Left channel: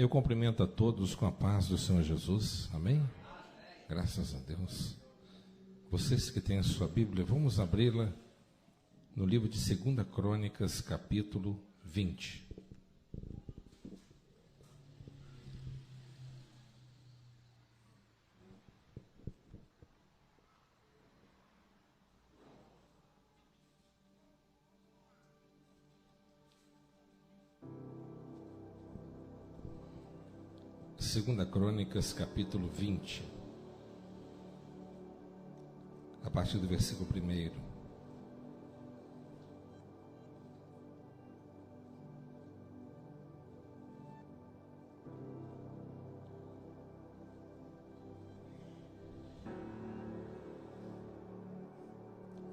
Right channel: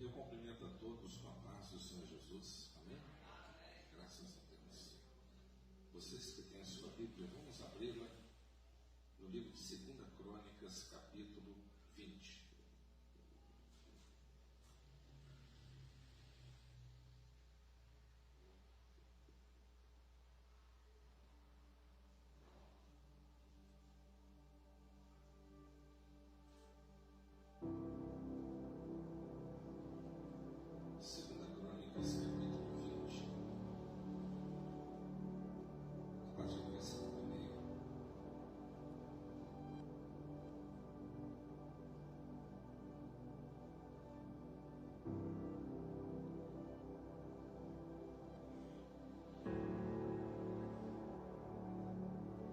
Eu cumprimento a todos com a paz do Senhor Jesus, amém? Graças a Deus. Vocês que têm a sua Bíblia, vamos abri-la no livro de 2 Crônicas, capítulo 20. Segunda Crônicas, capítulo 20, a partir do versículo 1.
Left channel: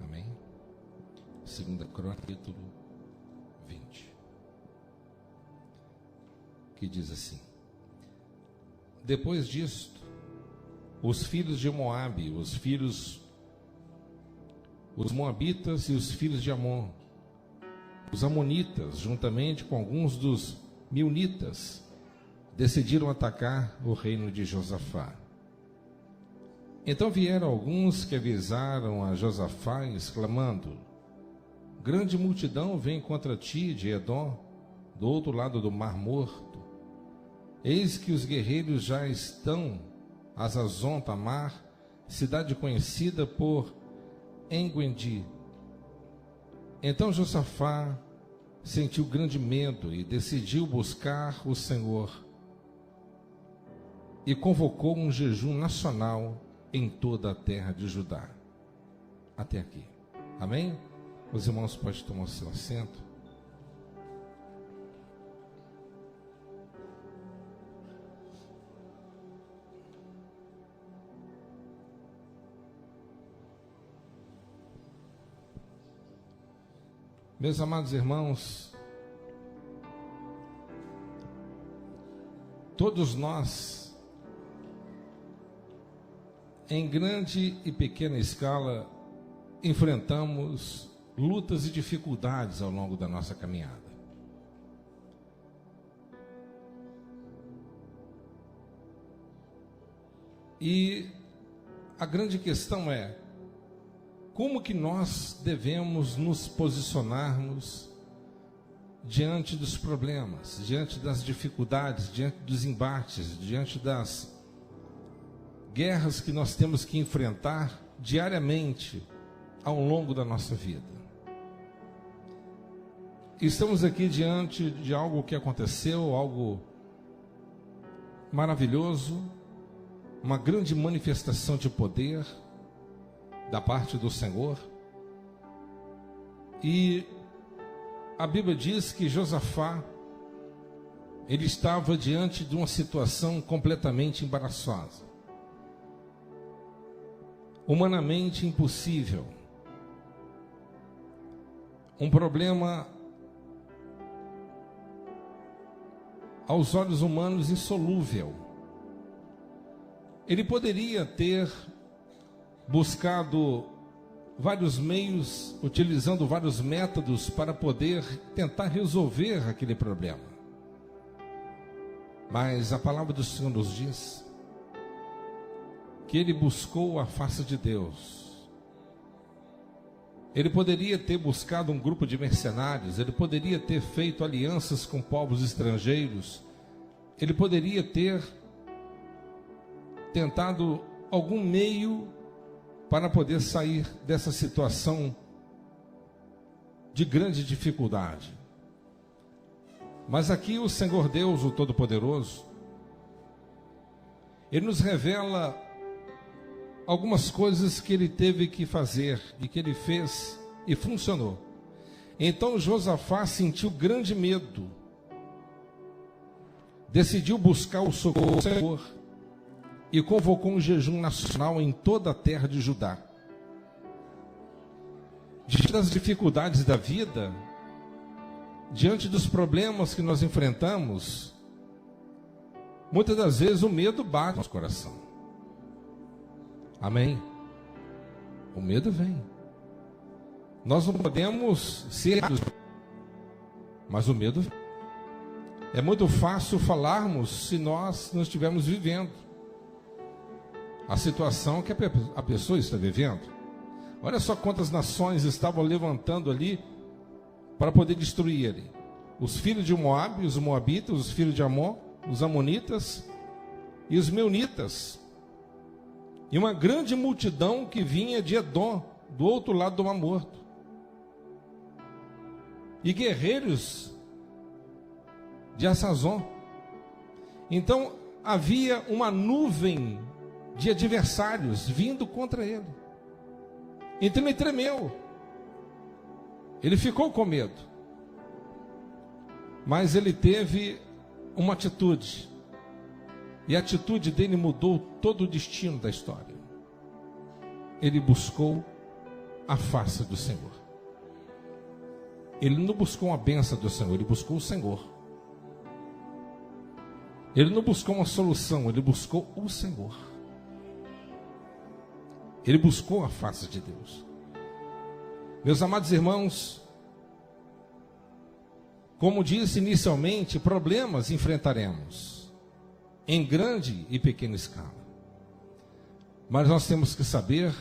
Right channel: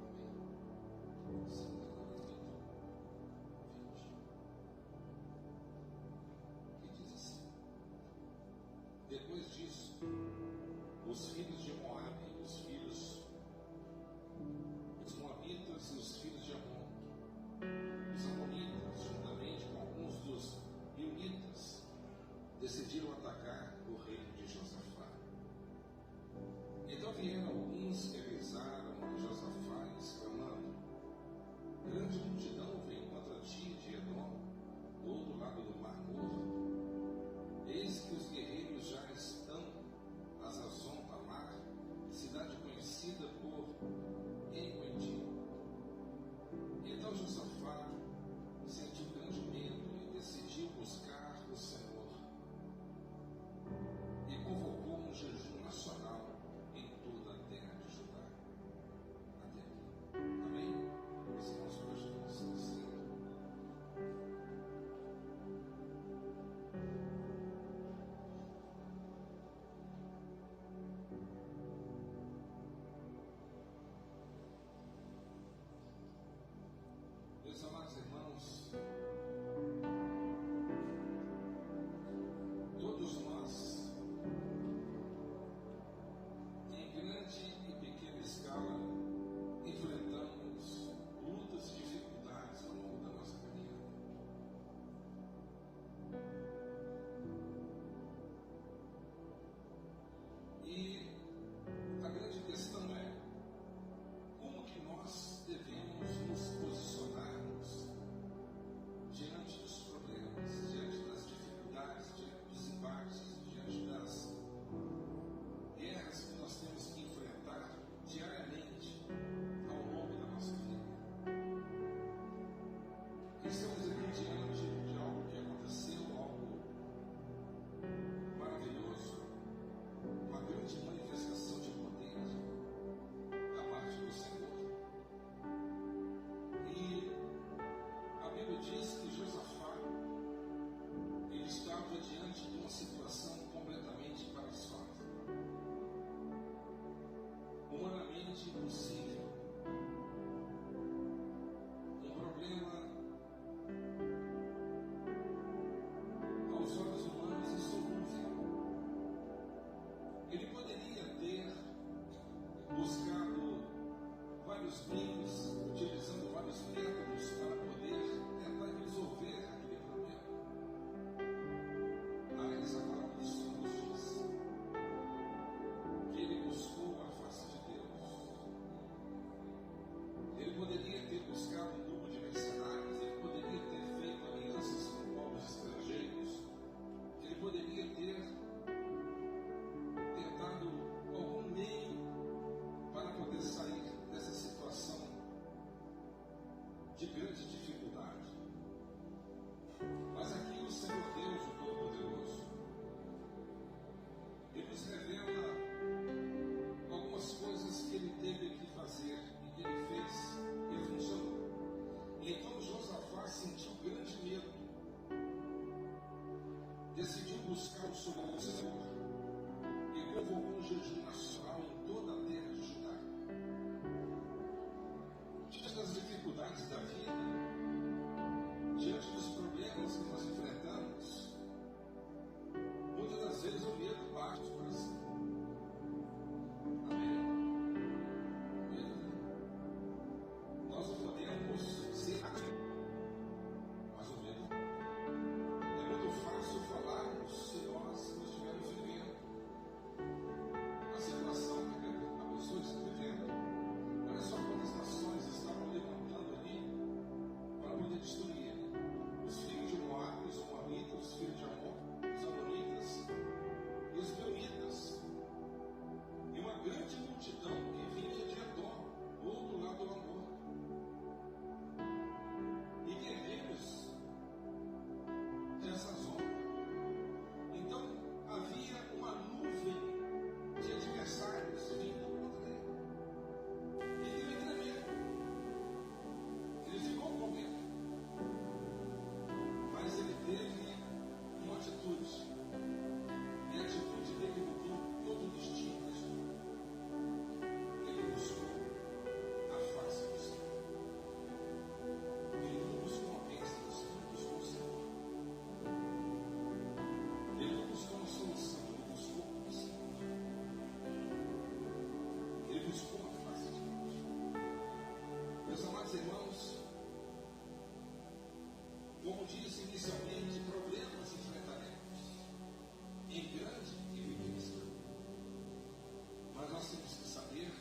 Amém? Segunda Crônicas, capítulo 20, que diz assim: Depois disto, os filhos de Moabe, os moabitas e os filhos de Amon, os amonitas, juntamente com alguns dos meunitas, decidiram atacar o reino de Josafá. Então vieram alguns que avisaram a Josafá, exclamando: Grande multidão vem contra ti de Edom, do outro lado do Mar Morto. Eis que os guerreiros já estão a Hazazon Tamar, cidade conhecida por Enguendi. Então Josafá sentiu grande medo e decidiu buscar o Senhor e convocou um jejum nacional em toda a terra de Judá. Até aqui. Amém? Os irmãos podem tomar o seu assento. Meus amados irmãos, todos nós, em grande e pequena escala, enfrentamos lutas e dificuldades ao longo da nossa caminhada. E a grande questão é: como que nós devemos nos posicionarmos diante dos problemas, diante das dificuldades, diante dos embates, diante das guerras que nós temos que enfrentar diariamente ao longo da nossa vida? Estamos aqui diante de algo que aconteceu, algo maravilhoso, uma grande manifestação de poder da parte do Senhor. E a Bíblia diz que Josafá, ele estava diante de uma situação completamente embaraçosa, humanamente impossível, um problema aos olhos humanos insolúvel. Ele poderia ter buscado vários meios, utilizando vários métodos para poder tentar resolver aquele problema. Mas a palavra do Senhor nos diz que ele buscou a face de Deus. Ele poderia ter buscado um grupo de mercenários, ele poderia ter feito alianças com povos estrangeiros, ele poderia ter tentado algum meio para poder sair dessa situação de grande dificuldade. Mas aqui o Senhor Deus, o Todo-Poderoso, Ele nos revela algumas coisas que Ele teve que fazer e que Ele fez e funcionou. Então Josafá sentiu grande medo, decidiu buscar o socorro do Senhor e convocou um jejum nacional em toda a terra de Judá. Diante das dificuldades da vida, diante dos problemas que nós enfrentamos, muitas das vezes o medo bate no nosso coração. Amém? O medo vem. Nós não podemos ser, mas o medo vem. É muito fácil falarmos se nós não estivermos vivendo a situação que a pessoa está vivendo. Olha só quantas nações estavam levantando ali para poder destruir ele. Os filhos de Moabe, os Moabitas, os filhos de Amon, os Amonitas e os Meunitas. E uma grande multidão que vinha de Edom, do outro lado do Mar Morto. E guerreiros de Assazon. Então havia uma nuvem de adversários vindo contra ele. Então ele tremeu. Ele ficou com medo. Mas ele teve uma atitude. E a atitude dele mudou todo o destino da história. Ele buscou a face do Senhor. Ele não buscou uma bênção do Senhor, ele buscou o Senhor. Ele não buscou uma solução, ele buscou o Senhor. Ele buscou a face de Deus. Meus amados irmãos, como disse inicialmente, problemas enfrentaremos em grande e pequena escala. Mas nós temos que saber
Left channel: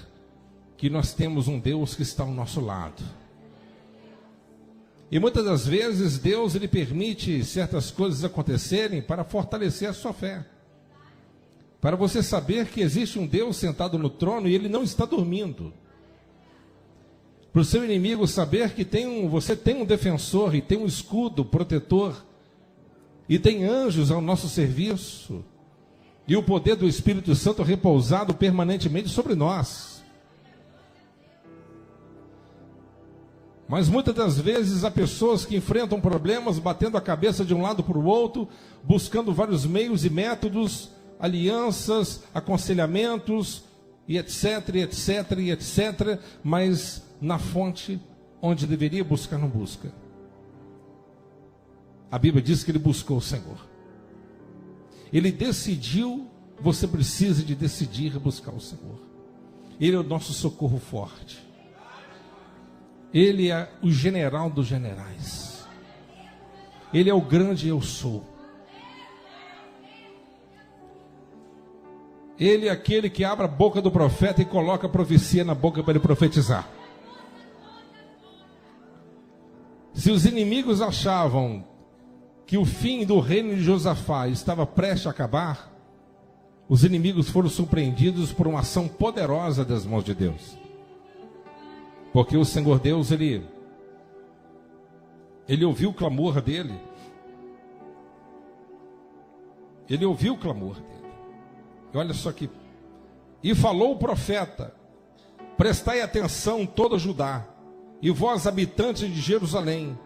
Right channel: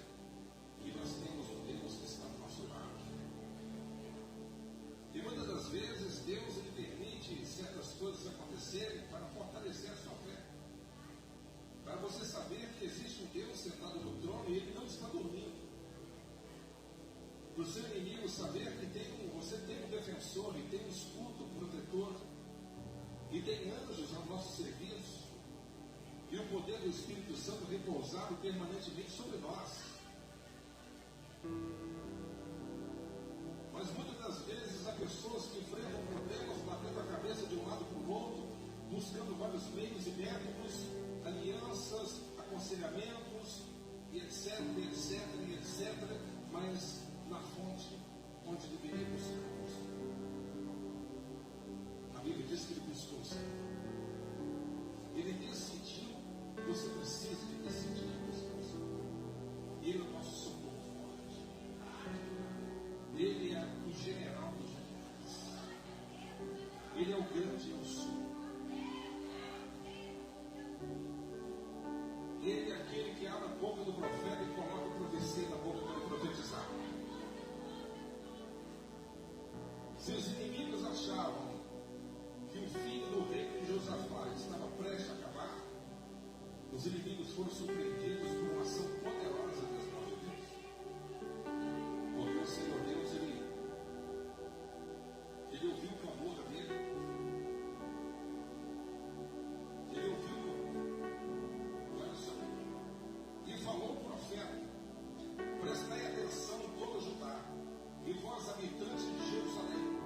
que nós temos um Deus que está ao nosso lado. E muitas das vezes Deus ele permite certas coisas acontecerem para fortalecer a sua fé. Para você saber que existe um Deus sentado no trono e ele não está dormindo. Para o seu inimigo saber que você tem um defensor e tem um escudo protetor. E tem anjos ao nosso serviço. E o poder do Espírito Santo repousado permanentemente sobre nós. Mas muitas das vezes há pessoas que enfrentam problemas batendo a cabeça de um lado para o outro, buscando vários meios e métodos, alianças, aconselhamentos, e etc, etc, e etc, mas na fonte onde deveria buscar, não busca. A Bíblia diz que ele buscou o Senhor. Ele decidiu, você precisa de decidir buscar o Senhor. Ele é o nosso socorro forte. Ele é o general dos generais. Ele é o grande eu sou. Ele é aquele que abre a boca do profeta e coloca a profecia na boca para ele profetizar. Se os inimigos achavam que o fim do reino de Josafá estava prestes a acabar, os inimigos foram surpreendidos por uma ação poderosa das mãos de Deus. Porque o Senhor Deus, ele ouviu o clamor dele. Ele ouviu o clamor dele. E olha só aqui. E falou o profeta: prestai atenção todo Judá, e vós habitantes de Jerusalém,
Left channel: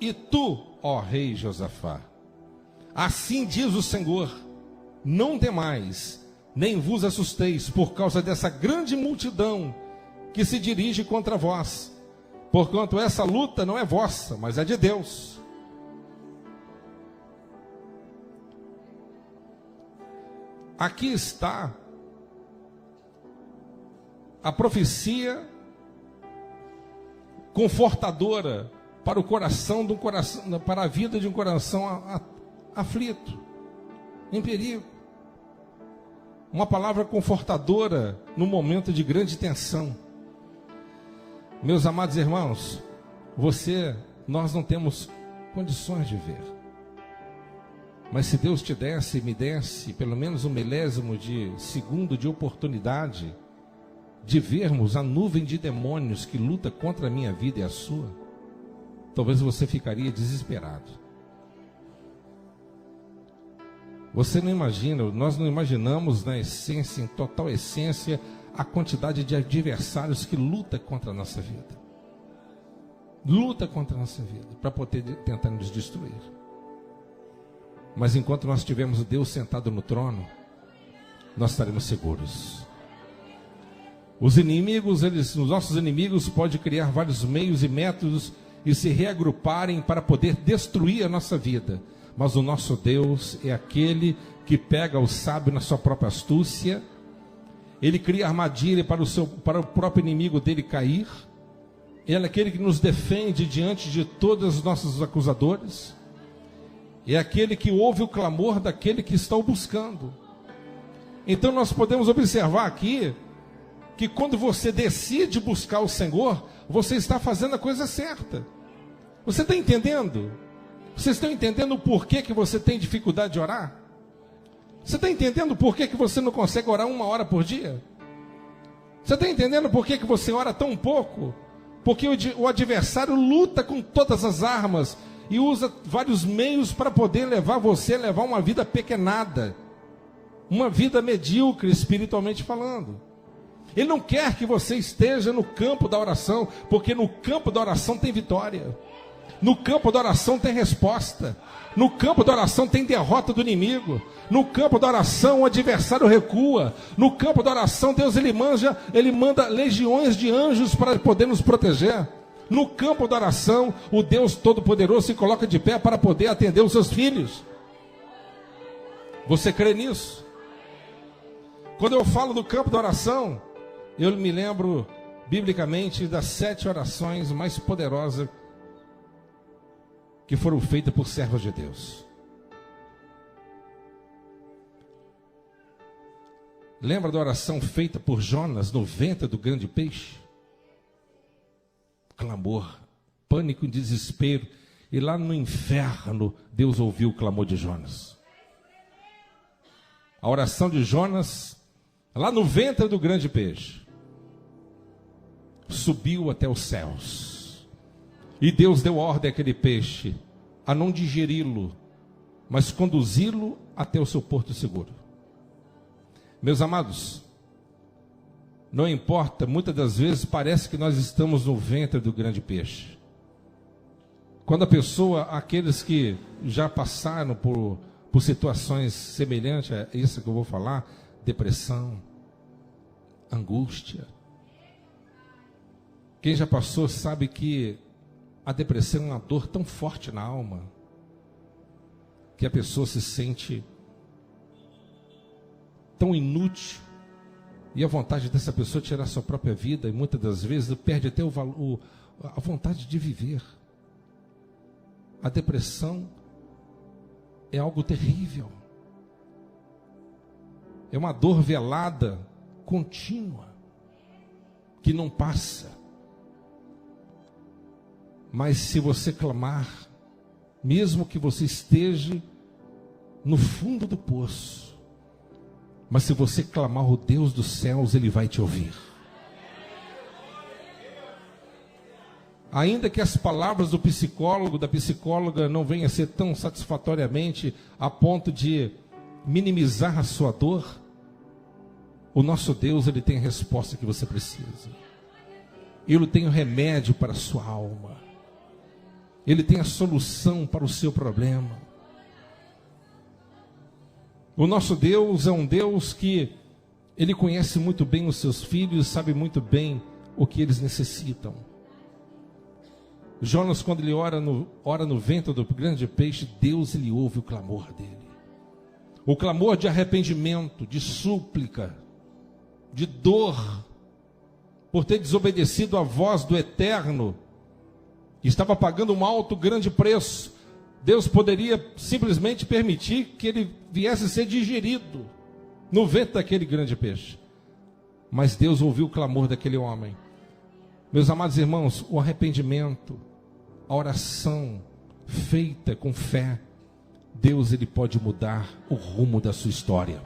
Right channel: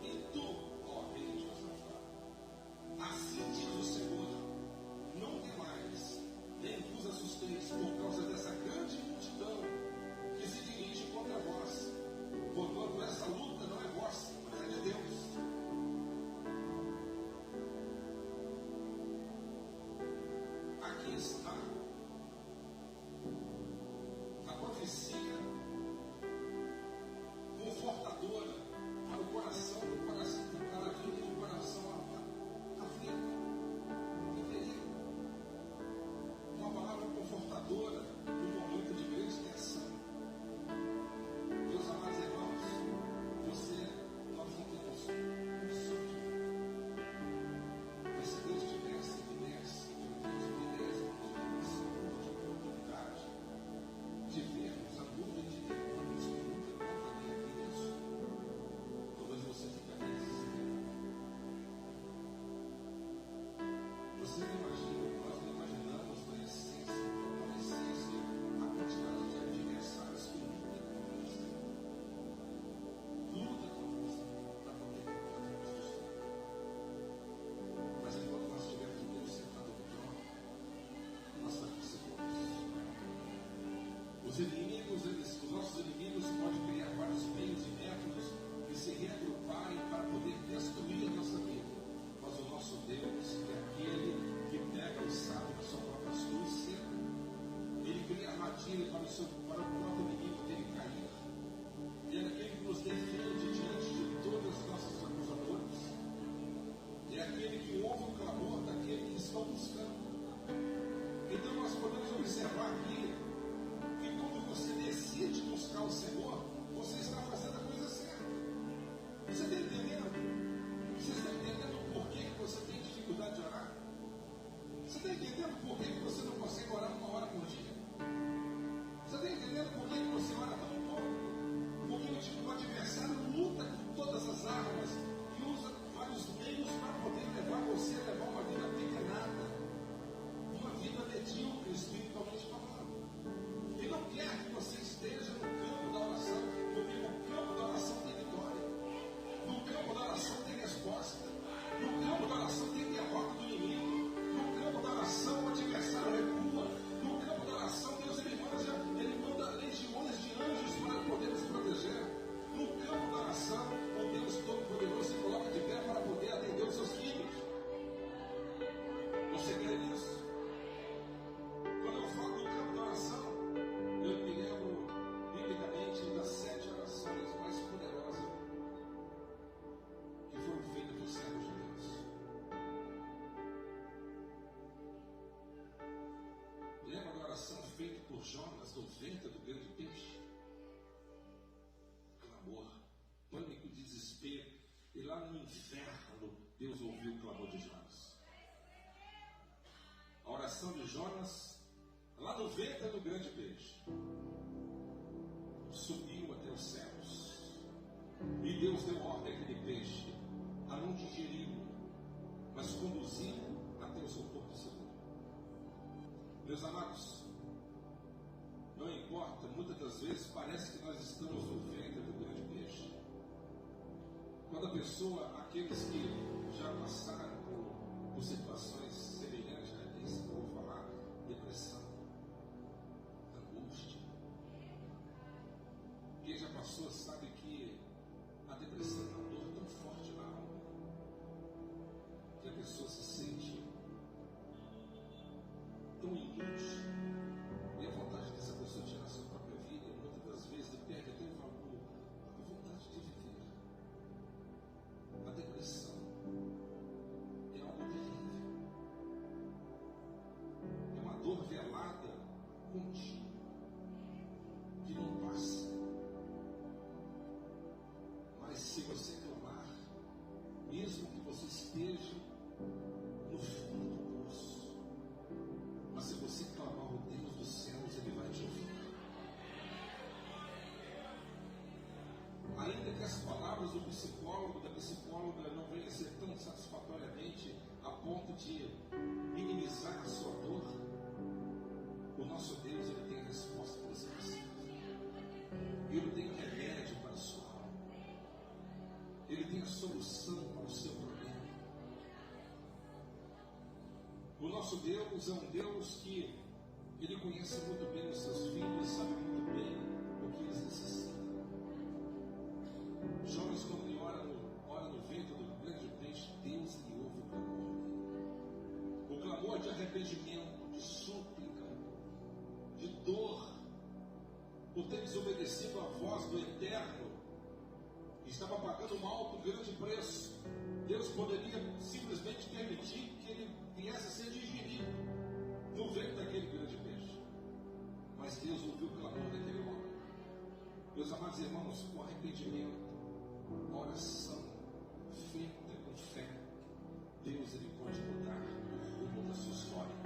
e tu, ó rei Josafá, assim diz o Senhor: não temais, nem vos assusteis por causa dessa grande multidão que se dirige contra vós, porquanto essa luta não é vossa, mas é de Deus. Aqui está a profecia confortadora para o coração para a vida de um coração aflito, em perigo. Uma palavra confortadora no momento de grande tensão. Meus amados irmãos, nós não temos condições de ver. Mas se Deus te desse e me desse pelo menos um milésimo de segundo de oportunidade de vermos a nuvem de demônios que luta contra a minha vida e a sua, talvez você ficaria desesperado. Você não imagina, nós não imaginamos na essência, em total essência, a quantidade de adversários que luta contra a nossa vida. Luta contra a nossa vida, para poder tentar nos destruir. Mas enquanto nós tivermos o Deus sentado no trono, nós estaremos seguros. Os nossos inimigos podem criar vários meios e métodos e se reagruparem para poder destruir a nossa vida. Mas o nosso Deus é aquele que pega o sábio na sua própria astúcia. Ele cria armadilha para o próprio inimigo dele cair. Ele é aquele que nos defende diante de todos os nossos acusadores. é aquele que ouve o clamor daquele que está o buscando. Então nós podemos observar aqui que quando você decide buscar o Senhor, você está fazendo a coisa certa. Você está entendendo? Vocês estão entendendo o porquê que você tem dificuldade de orar? Você está entendendo por que você não consegue orar 1 hora por dia? Você está entendendo por que você ora tão pouco? Porque o adversário luta com todas as armas e usa vários meios para poder levar você a levar uma vida pequenada, uma vida medíocre espiritualmente falando. Ele não quer que você esteja no campo da oração, porque no campo da oração tem vitória. No campo da oração tem resposta. No campo da oração tem derrota do inimigo. No campo da oração o adversário recua. No campo da oração Deus ele manda legiões de anjos para poder nos proteger. No campo da oração o Deus Todo-Poderoso se coloca de pé para poder atender os seus filhos. Você crê nisso? Quando eu falo do campo da oração, eu me lembro biblicamente das 7 orações mais poderosas que foram feitas por servos de Deus. Lembra da oração feita por Jonas no ventre do grande peixe? Clamor, pânico e desespero. E lá no inferno, Deus ouviu o clamor de Jonas. A oração de Jonas, lá no ventre do grande peixe, subiu até os céus. E Deus deu ordem àquele peixe a não digeri-lo, mas conduzi-lo até o seu porto seguro. Meus amados, não importa, muitas das vezes parece que nós estamos no ventre do grande peixe. Quando a pessoa, aqueles que já passaram por situações semelhantes a isso que eu vou falar, depressão, angústia. Quem já passou sabe que a depressão é uma dor tão forte na alma, que a pessoa se sente tão inútil, e a vontade dessa pessoa tirar sua própria vida, e muitas das vezes perde até a vontade de viver. A depressão é algo terrível, é uma dor velada, contínua, que não passa. Mas se você clamar, mesmo que você esteja no fundo do poço, mas se você clamar o Deus dos céus, Ele vai te ouvir. Ainda que as palavras do psicólogo, da psicóloga não venham a ser tão satisfatoriamente a ponto de minimizar a sua dor, o nosso Deus, Ele tem a resposta que você precisa. Ele tem o remédio para a sua alma. Ele tem a solução para o seu problema. O nosso Deus é um Deus que Ele conhece muito bem os seus filhos, sabe muito bem o que eles necessitam. Jonas, quando ele ora no ventre do grande peixe, Deus ele ouve o clamor dele. O clamor de arrependimento, de súplica, de dor, por ter desobedecido à voz do Eterno, que estava pagando um alto, grande preço. Deus poderia simplesmente permitir que ele viesse a ser digerido no ventre daquele grande peixe. Mas Deus ouviu o clamor daquele homem. Meus amados irmãos, o arrependimento, a oração feita com fé, Deus ele pode mudar o rumo da sua história.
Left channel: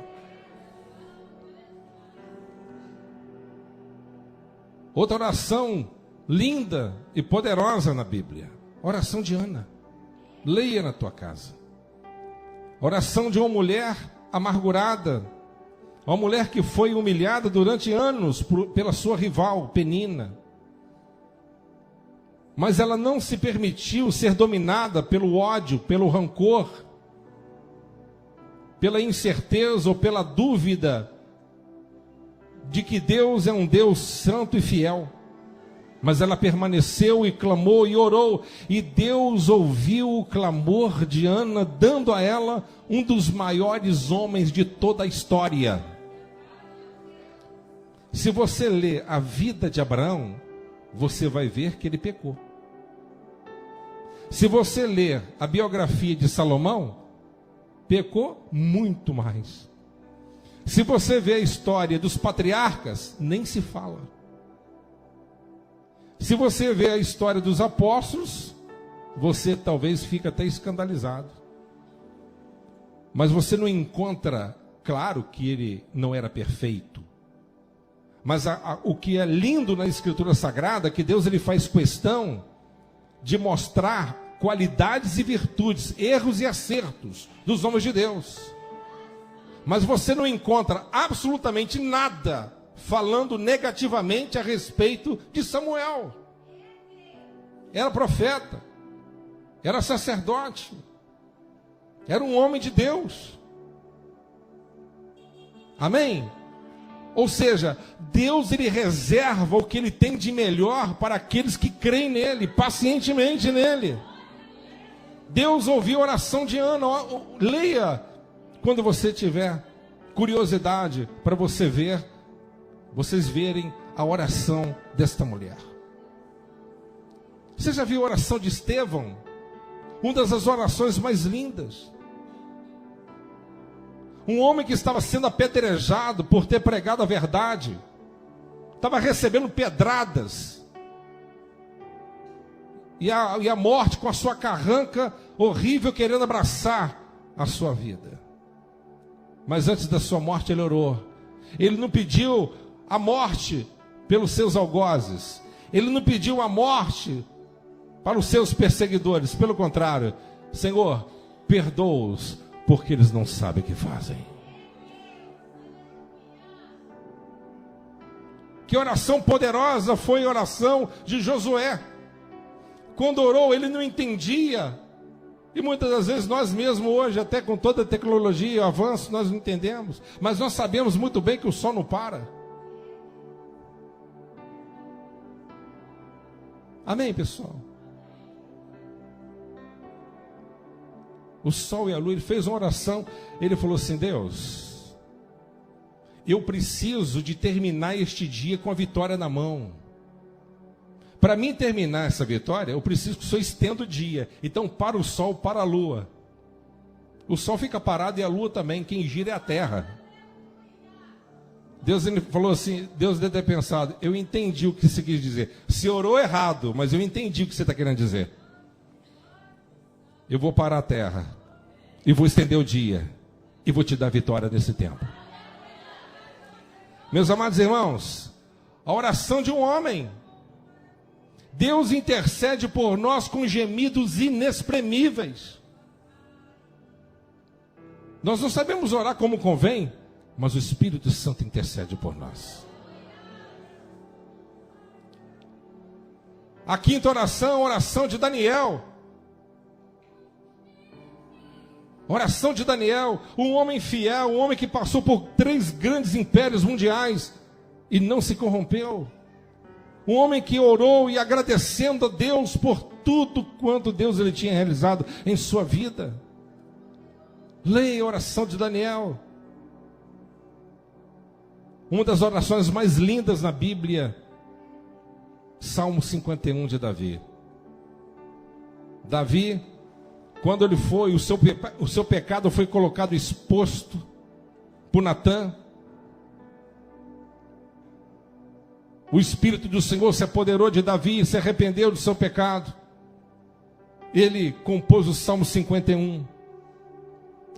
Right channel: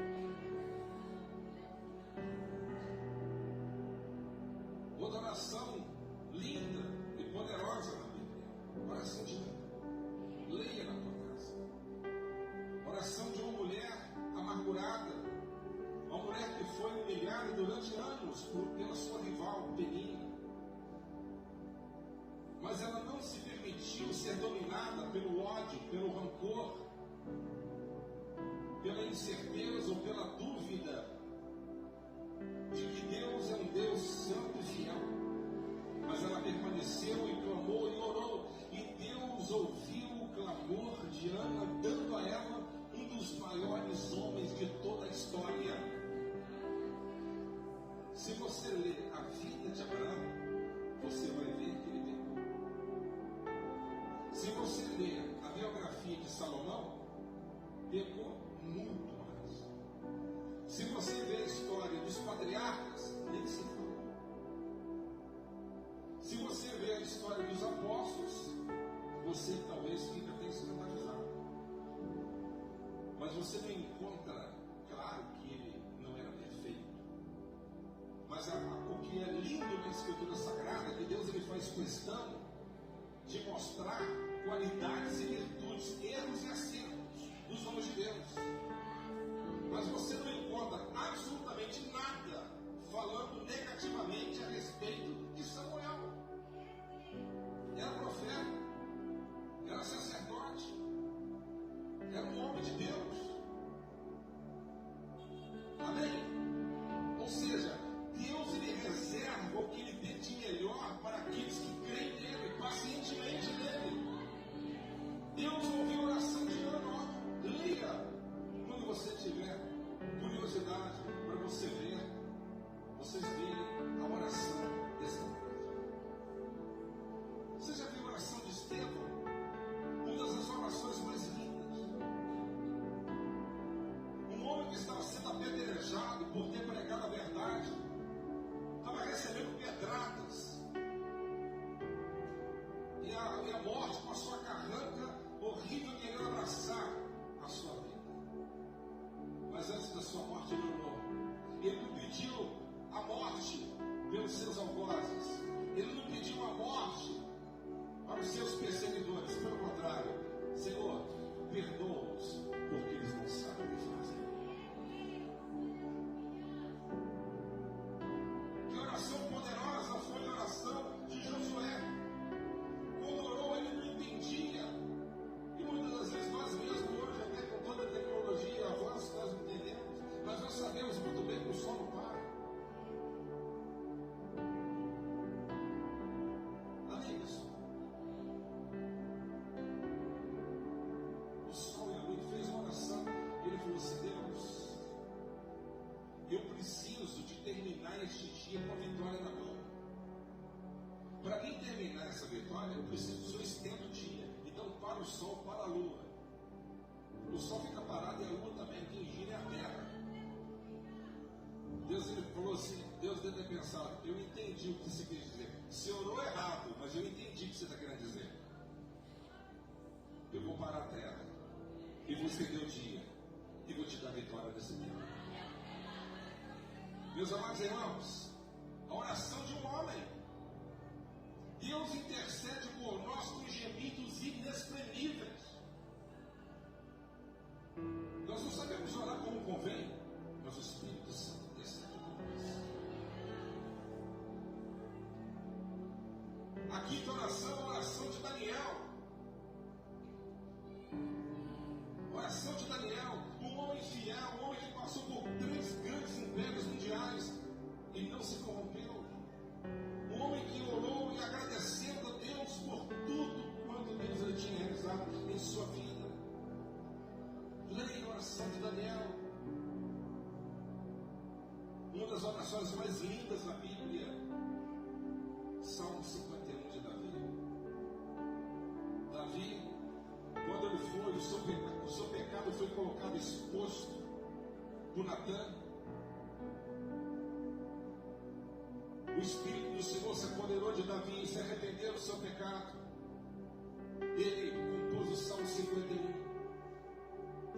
Outra oração linda e poderosa na Bíblia, oração de Ana. Leia na tua casa. Oração de uma mulher amargurada, uma mulher que foi humilhada durante anos pela sua rival Penina, mas ela não se permitiu ser dominada pelo ódio, pelo rancor, pela incerteza ou pela dúvida de que Deus é um Deus santo e fiel. Mas ela permaneceu e clamou e orou, e Deus ouviu o clamor de Ana, dando a ela um dos maiores homens de toda a história. Se você ler a vida de Abraão, você vai ver que ele pecou. Se você ler a biografia de Salomão, pecou muito mais. Se você vê a história dos patriarcas, nem se fala. Se você vê a história dos apóstolos, você talvez fique até escandalizado. Mas você não encontra, claro que ele não era perfeito. Mas o que é lindo na Escritura Sagrada é que Deus ele faz questão de mostrar qualidades e virtudes, erros e acertos dos homens de Deus. Mas você não encontra absolutamente nada falando negativamente a respeito de Samuel. Era profeta, era sacerdote, era um homem de Deus. Amém? Ou seja, Deus ele reserva o que ele tem de melhor para aqueles que creem nele, pacientemente nele. Deus ouviu a oração de Ana. Leia quando você tiver curiosidade para vocês verem a oração desta mulher. Você já viu a oração de Estevão? Uma das orações mais lindas. Um homem que estava sendo apedrejado por ter pregado a verdade, estava recebendo pedradas, e a morte com a sua carranca horrível querendo abraçar a sua vida. Mas antes da sua morte ele orou. Ele não pediu a morte pelos seus algozes, ele não pediu a morte para os seus perseguidores, pelo contrário: Senhor, perdoa-os, porque eles não sabem o que fazem. Que oração poderosa foi a oração de Josué. Quando orou, ele não entendia. E muitas das vezes nós mesmos hoje, até com toda a tecnologia e o avanço, nós não entendemos. Mas nós sabemos muito bem que o sol não para. Amém, pessoal? O sol e a lua, ele fez uma oração. Ele falou assim: Deus, eu preciso de terminar este dia com a vitória na mão. Para mim terminar essa vitória, eu preciso que o Senhor estenda o dia. Então para o sol, para a lua. O sol fica parado e a lua também. Quem gira é a terra. Deus ele falou assim, Deus deve ter pensado: eu entendi o que você quis dizer. Você orou errado, mas eu entendi o que você está querendo dizer. Eu vou parar a terra, e vou estender o dia, e vou te dar vitória nesse tempo. Meus amados irmãos, a oração de um homem. Deus intercede por nós com gemidos inexprimíveis. Nós não sabemos orar como convém, mas o Espírito Santo intercede por nós. A quinta oração, a oração de Daniel. Oração de Daniel, um homem fiel, um homem que passou por 3 grandes impérios mundiais e não se corrompeu. Um homem que orou e agradecendo a Deus por tudo quanto Deus ele tinha realizado em sua vida. Leia a oração de Daniel. Uma das orações mais lindas na Bíblia, Salmo 51 de Davi. Davi, quando ele foi, o seu pecado foi colocado exposto por Natã. O Espírito do Senhor se apoderou de Davi e se arrependeu do seu pecado. Ele compôs o Salmo 51.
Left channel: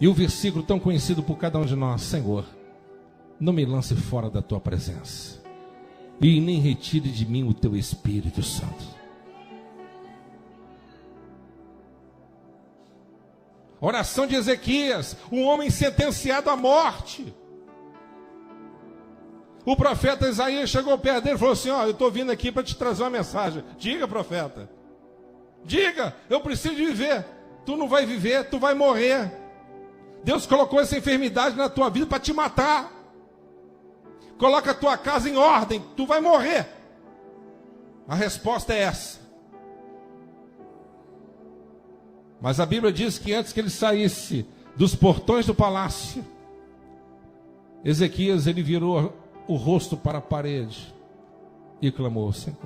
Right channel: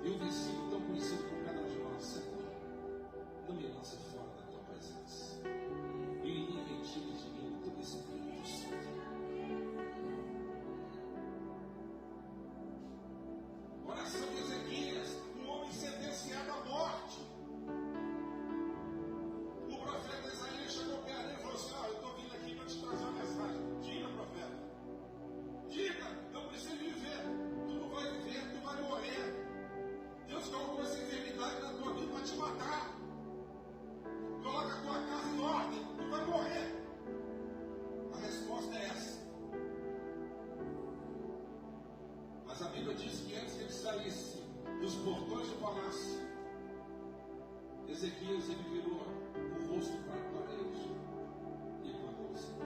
E o versículo tão conhecido por cada um de nós: Senhor, não me lance fora da tua presença, e nem retire de mim o teu Espírito Santo. Oração de Ezequias, um homem sentenciado à morte. O profeta Isaías chegou perto dele e falou assim: eu estou vindo aqui para te trazer uma mensagem. Diga, profeta. Diga, eu preciso de viver. Tu não vai viver, tu vai morrer. Deus colocou essa enfermidade na tua vida para te matar. Coloca a tua casa em ordem, tu vai morrer. A resposta é essa. Mas a Bíblia diz que antes que ele saísse dos portões do palácio, Ezequias ele virou o rosto para a parede e clamou: Senhor,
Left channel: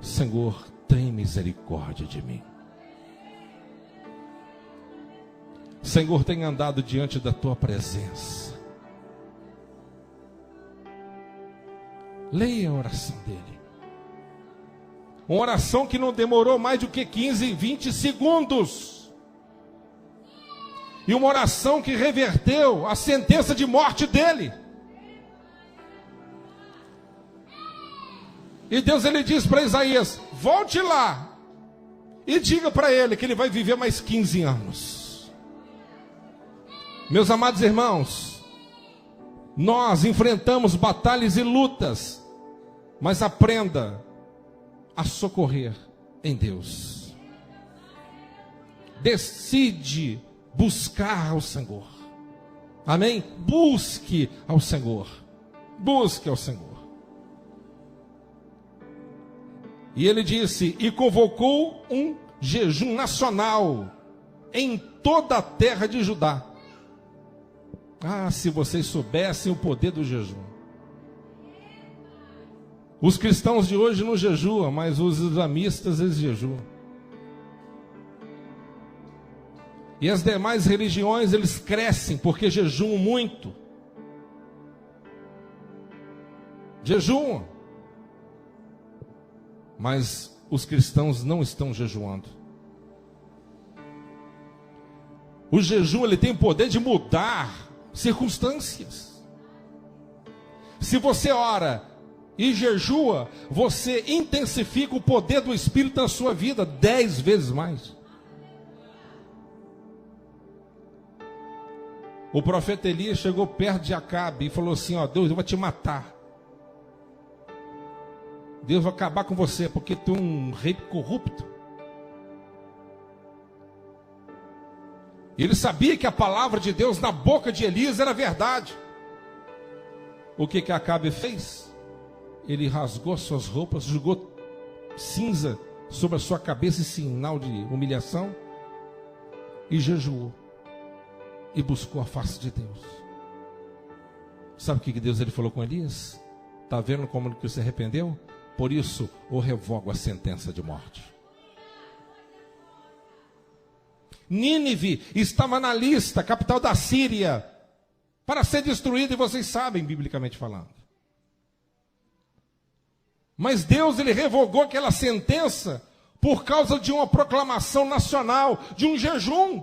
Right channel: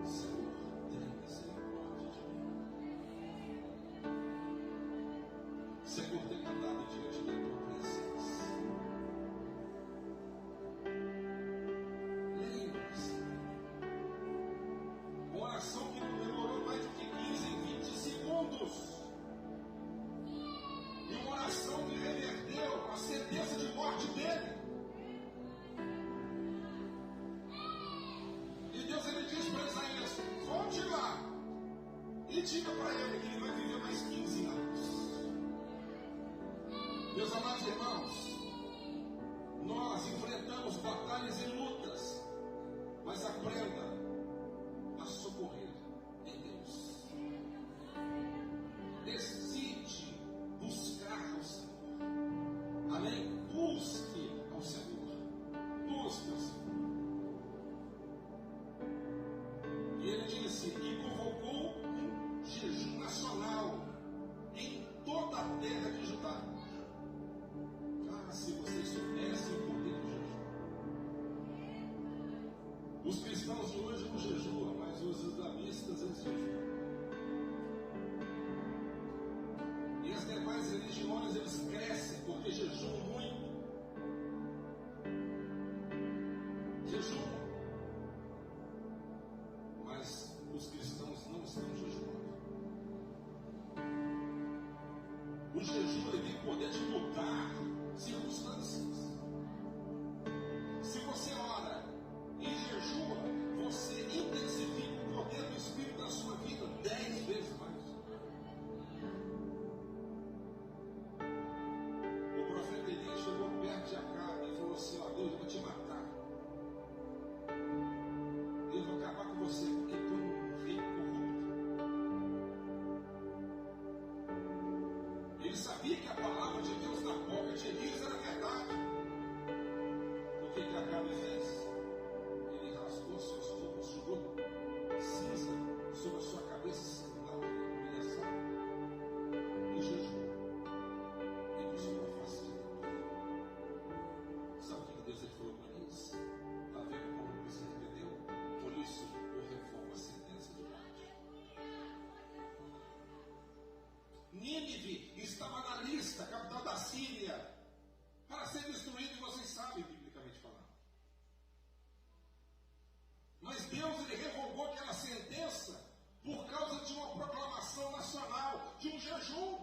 Senhor, tem misericórdia de mim. Senhor, tem andado diante da tua presença. Leia a oração dele. Uma oração que não demorou mais do que 15, 20 segundos. E uma oração que reverteu a sentença de morte dele. E Deus, ele diz para Isaías: volte lá e diga para ele que ele vai viver mais 15 anos. Meus amados irmãos, nós enfrentamos batalhas e lutas, mas aprenda a socorrer em Deus. Decide buscar ao Senhor. Amém? Busque ao Senhor. Busque ao Senhor. E ele disse, e convocou um jejum nacional em toda a terra de Judá. Ah, se vocês soubessem o poder do jejum. Os cristãos de hoje não jejuam, mas os islamistas, eles jejuam. E as demais religiões, eles crescem porque jejuam muito. Jejuam. Mas os cristãos não estão jejuando. O jejum, ele tem o poder de mudar circunstâncias. Se você ora e jejua, você intensifica o poder do Espírito na sua vida 10 vezes mais. O profeta Elias chegou perto de Acabe e falou assim, ó, Deus, eu vou te matar. Deus vai acabar com você, porque tu é um rei corrupto. Ele sabia que a palavra de Deus na boca de Elias era verdade. O que Acabe fez? Ele rasgou suas roupas, jogou cinza sobre a sua cabeça em sinal de humilhação e jejuou e buscou a face de Deus. Sabe o que Deus ele falou com Elias? Está vendo como que você arrependeu? Por isso, eu revogo a sentença de morte. Nínive estava na lista, capital da Síria, para ser destruída, e vocês sabem, biblicamente falando. Mas Deus, ele revogou aquela sentença por causa de uma proclamação nacional, de um jejum.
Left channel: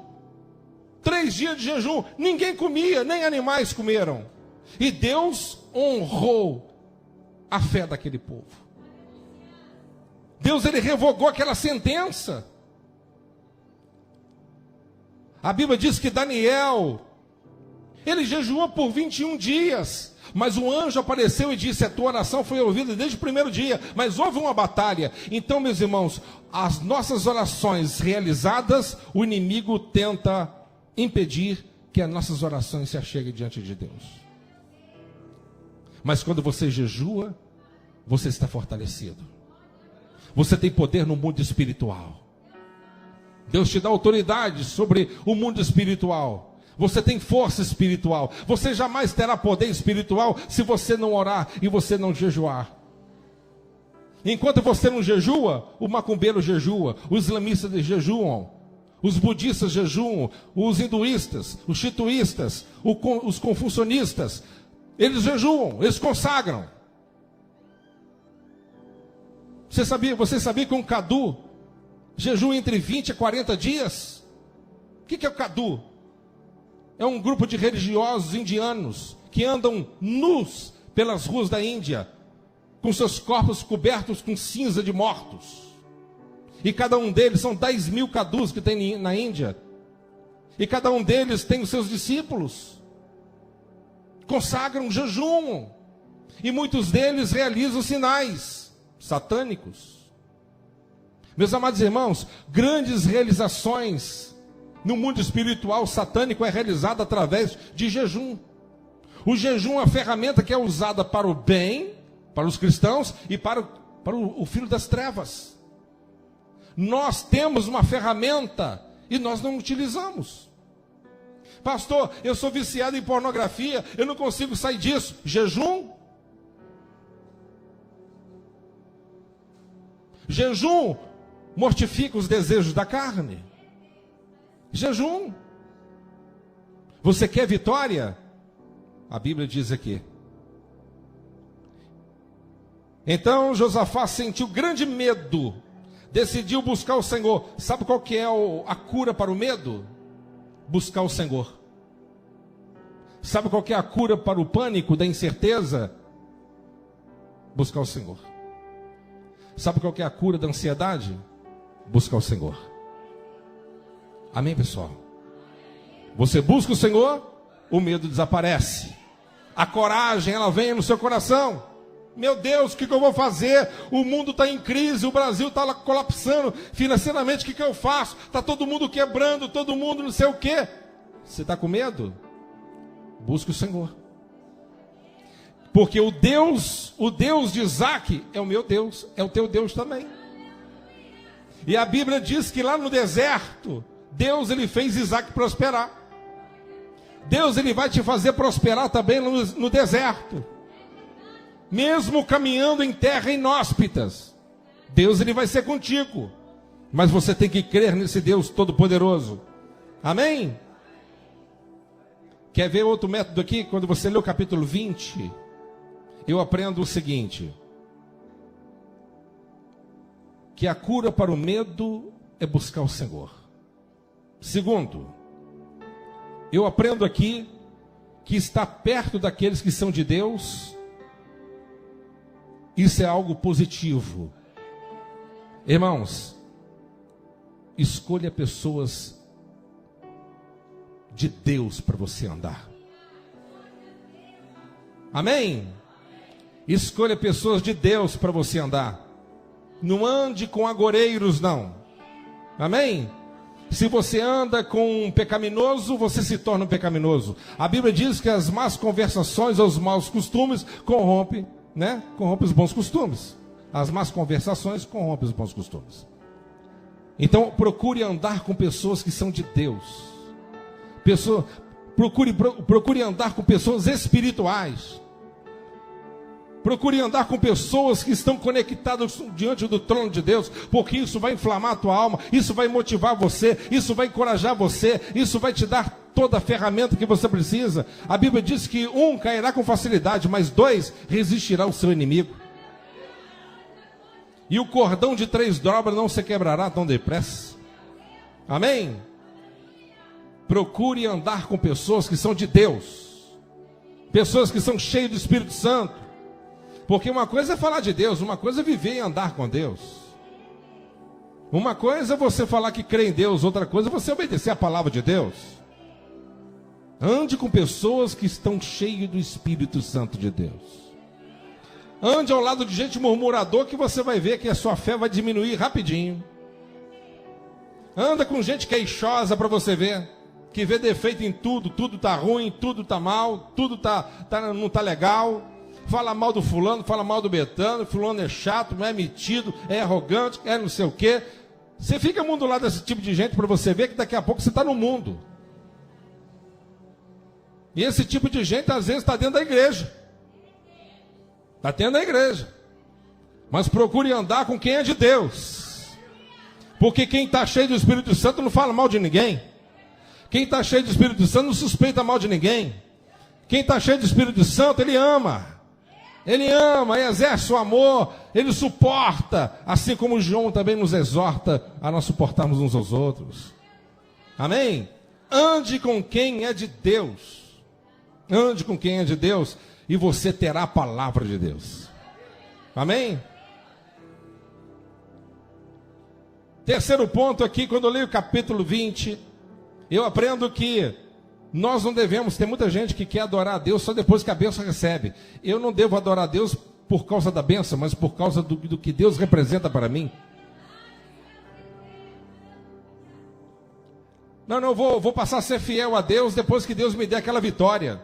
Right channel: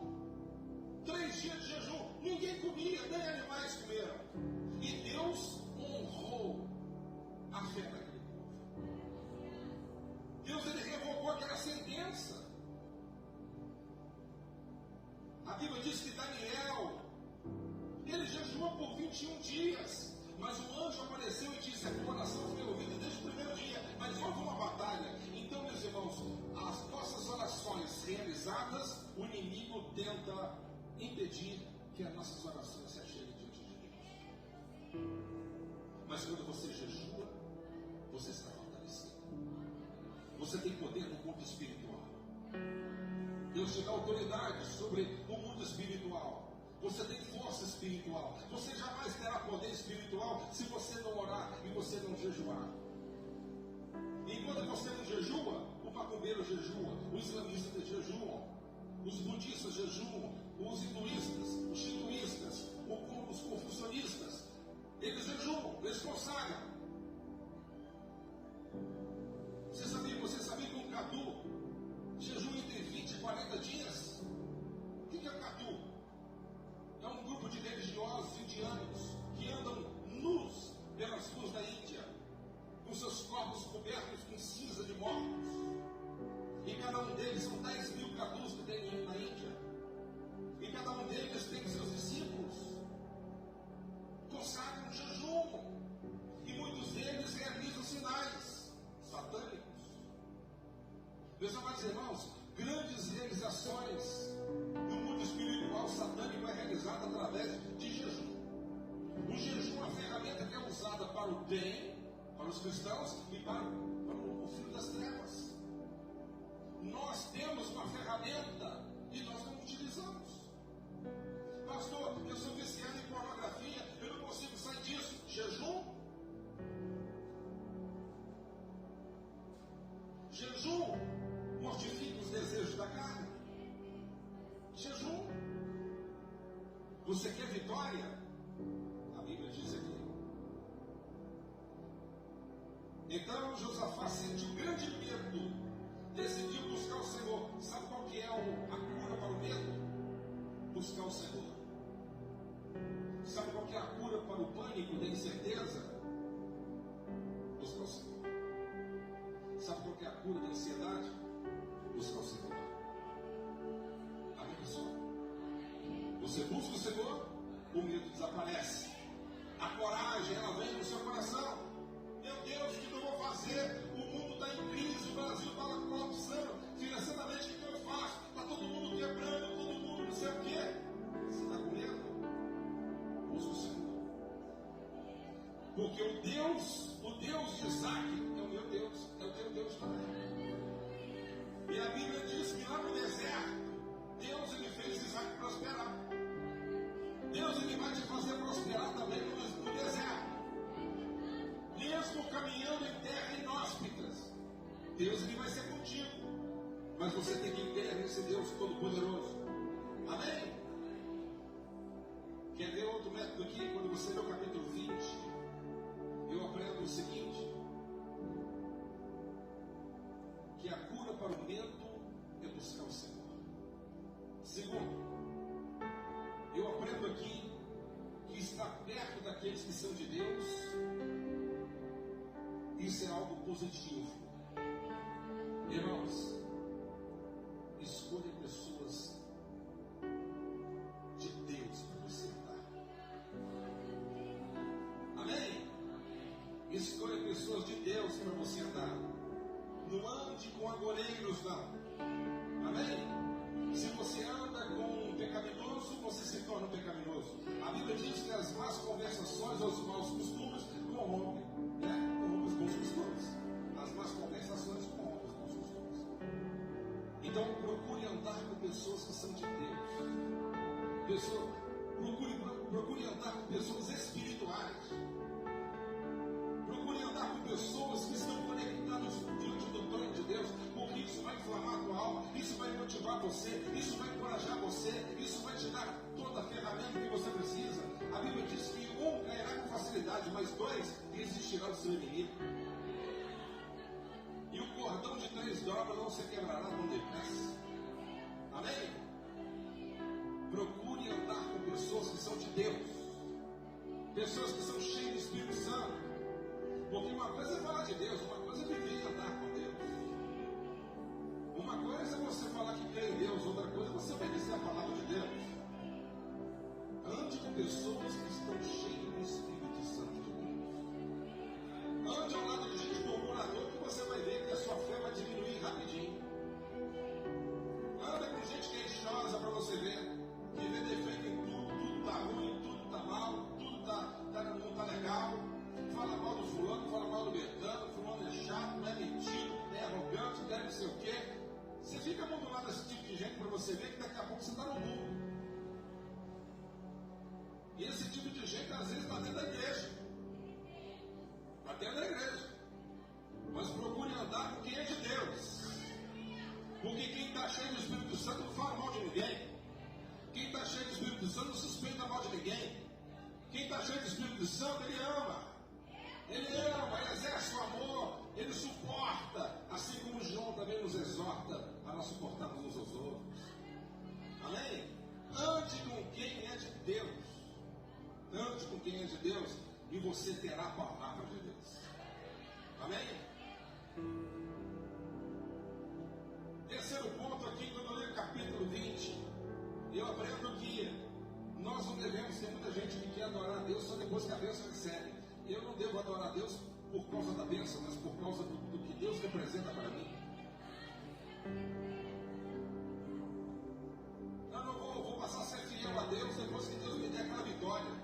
3 dias de jejum, ninguém comia, nem animais comeram. E Deus honrou a fé daquele povo. Deus, ele revogou aquela sentença. A Bíblia diz que Daniel, ele jejuou por 21 dias, mas o anjo apareceu e disse, a tua oração foi ouvida desde o primeiro dia, mas houve uma batalha. Então, meus irmãos, as nossas orações realizadas, o inimigo tenta impedir que as nossas orações se acheguem diante de Deus. Mas quando você jejua, você está fortalecido. Você tem poder no mundo espiritual. Deus te dá autoridade sobre o mundo espiritual. Você tem força espiritual. Você jamais terá poder espiritual se você não orar e você não jejuar. Enquanto você não jejua, o macumbeiro jejua, os islamistas jejuam, os budistas jejuam, os hinduístas, os shintoístas, os confucionistas, eles jejuam, eles consagram. Você sabia que um cadu jejua entre 20 a 40 dias? O que é o cadu? É um grupo de religiosos indianos que andam nus pelas ruas da Índia, com seus corpos cobertos com cinza de mortos. E cada um deles, são 10 mil cadus que tem na Índia. E cada um deles tem os seus discípulos. Consagram, jejumam. E muitos deles realizam sinais satânicos. Meus amados irmãos, grandes realizações no mundo espiritual satânico é realizada através de jejum. O jejum é uma ferramenta que é usada para o bem, para os cristãos e para o filho das trevas. Nós temos uma ferramenta e nós não utilizamos. Pastor, eu sou viciado em pornografia, eu não consigo sair disso. Jejum. Jejum mortifica os desejos da carne. Jejum. Você quer vitória? A Bíblia diz aqui. Então Josafá sentiu grande medo, decidiu buscar o Senhor. Sabe qual que é a cura para o medo? Buscar o Senhor. Sabe qual que é a cura para o pânico, da incerteza? Buscar o Senhor. Sabe qual que é a cura da ansiedade? Buscar o Senhor. Amém, pessoal? Você busca o Senhor, o medo desaparece. A coragem, ela vem no seu coração. Meu Deus, o que eu vou fazer? O mundo está em crise, o Brasil está colapsando financeiramente, o que eu faço? Está todo mundo quebrando, todo mundo não sei o quê. Você está com medo? Busque o Senhor. Porque o Deus de Isaac é o meu Deus, é o teu Deus também. E a Bíblia diz que lá no deserto, Deus ele fez Isaac prosperar. Deus ele vai te fazer prosperar também no deserto. Mesmo caminhando em terra inóspitas, Deus ele vai ser contigo. Mas você tem que crer nesse Deus todo-poderoso. Amém? Quer ver outro método aqui? Quando você lê o capítulo 20, eu aprendo o seguinte: que a cura para o medo é buscar o Senhor. Segundo, eu aprendo aqui que estar perto daqueles que são de Deus, isso é algo positivo. Irmãos, escolha pessoas de Deus para você andar. Amém? Escolha pessoas de Deus para você andar. Não ande com agoreiros, não. Amém? Se você anda com um pecaminoso, você se torna um pecaminoso. A Bíblia diz que as más conversações ou os maus costumes corrompem, corrompe os bons costumes. As más conversações corrompem os bons costumes. Então procure andar com pessoas que são de Deus. Procure andar com pessoas espirituais. Procure andar com pessoas que estão conectadas diante do trono de Deus, porque isso vai inflamar a tua alma, isso vai motivar você, isso vai encorajar você, isso vai te dar toda a ferramenta que você precisa. A Bíblia diz que um cairá com facilidade, mas dois resistirá ao seu inimigo. E o cordão de 3 dobras não se quebrará tão depressa. Amém? Procure andar com pessoas que são de Deus, pessoas que são cheias do Espírito Santo. Porque uma coisa é falar de Deus, uma coisa é viver e andar com Deus. Uma coisa é você falar que crê em Deus, outra coisa é você obedecer a palavra de Deus. Ande com pessoas que estão cheias do Espírito Santo de Deus. Ande ao lado de gente murmurador, que você vai ver que a sua fé vai diminuir rapidinho. Anda com gente queixosa para você ver, que vê defeito em tudo, tudo está ruim, tudo está mal, tudo não está legal. Fala mal do fulano, fala mal do betano, fulano é chato, não é metido, é arrogante, é não sei o quê. Você fica muito do lado desse tipo de gente para você ver que daqui a pouco você está no mundo. E esse tipo de gente às vezes está dentro da igreja. Está dentro da igreja. Mas procure andar com quem é de Deus. Porque quem está cheio do Espírito Santo não fala mal de ninguém. Quem está cheio do Espírito Santo não suspeita mal de ninguém. Quem está cheio do Espírito Santo, ele ama. Ele ama, exerce o amor, ele suporta, assim como João também nos exorta a nós suportarmos uns aos outros. Amém? Ande com quem é de Deus. Ande com quem é de Deus e você terá a palavra de Deus. Amém? Terceiro ponto aqui, quando eu leio o capítulo 20, eu aprendo que nós não devemos, tem muita gente que quer adorar a Deus só depois que a bênção recebe. Eu não devo adorar a Deus por causa da bênção, mas por causa do que Deus representa para mim. Não, eu vou passar a ser fiel a Deus depois que Deus me der aquela vitória.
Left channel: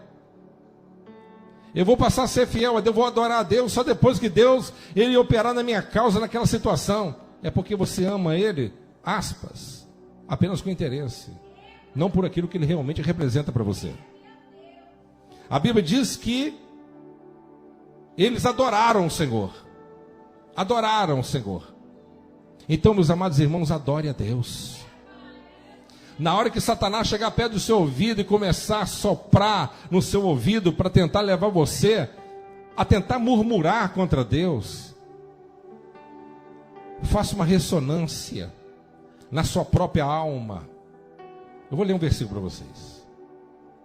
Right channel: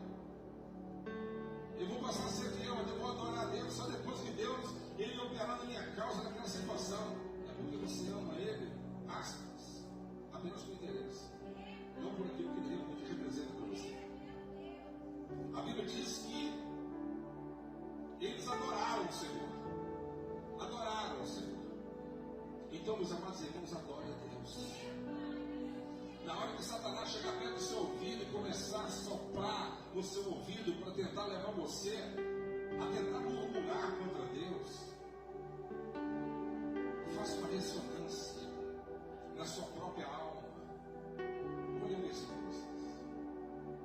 Eu vou passar a ser fiel a Deus, vou adorar a Deus só depois que Deus, ele operar na minha causa, naquela situação. É porque você ama Ele, aspas, apenas com interesse. Não por aquilo que ele realmente representa para você. A Bíblia diz que eles adoraram o Senhor. Adoraram o Senhor. Então, meus amados irmãos, adore a Deus. Na hora que Satanás chegar perto do seu ouvido e começar a soprar no seu ouvido para tentar levar você a tentar murmurar contra Deus, faça uma ressonância na sua própria alma. Eu vou ler um versículo para vocês.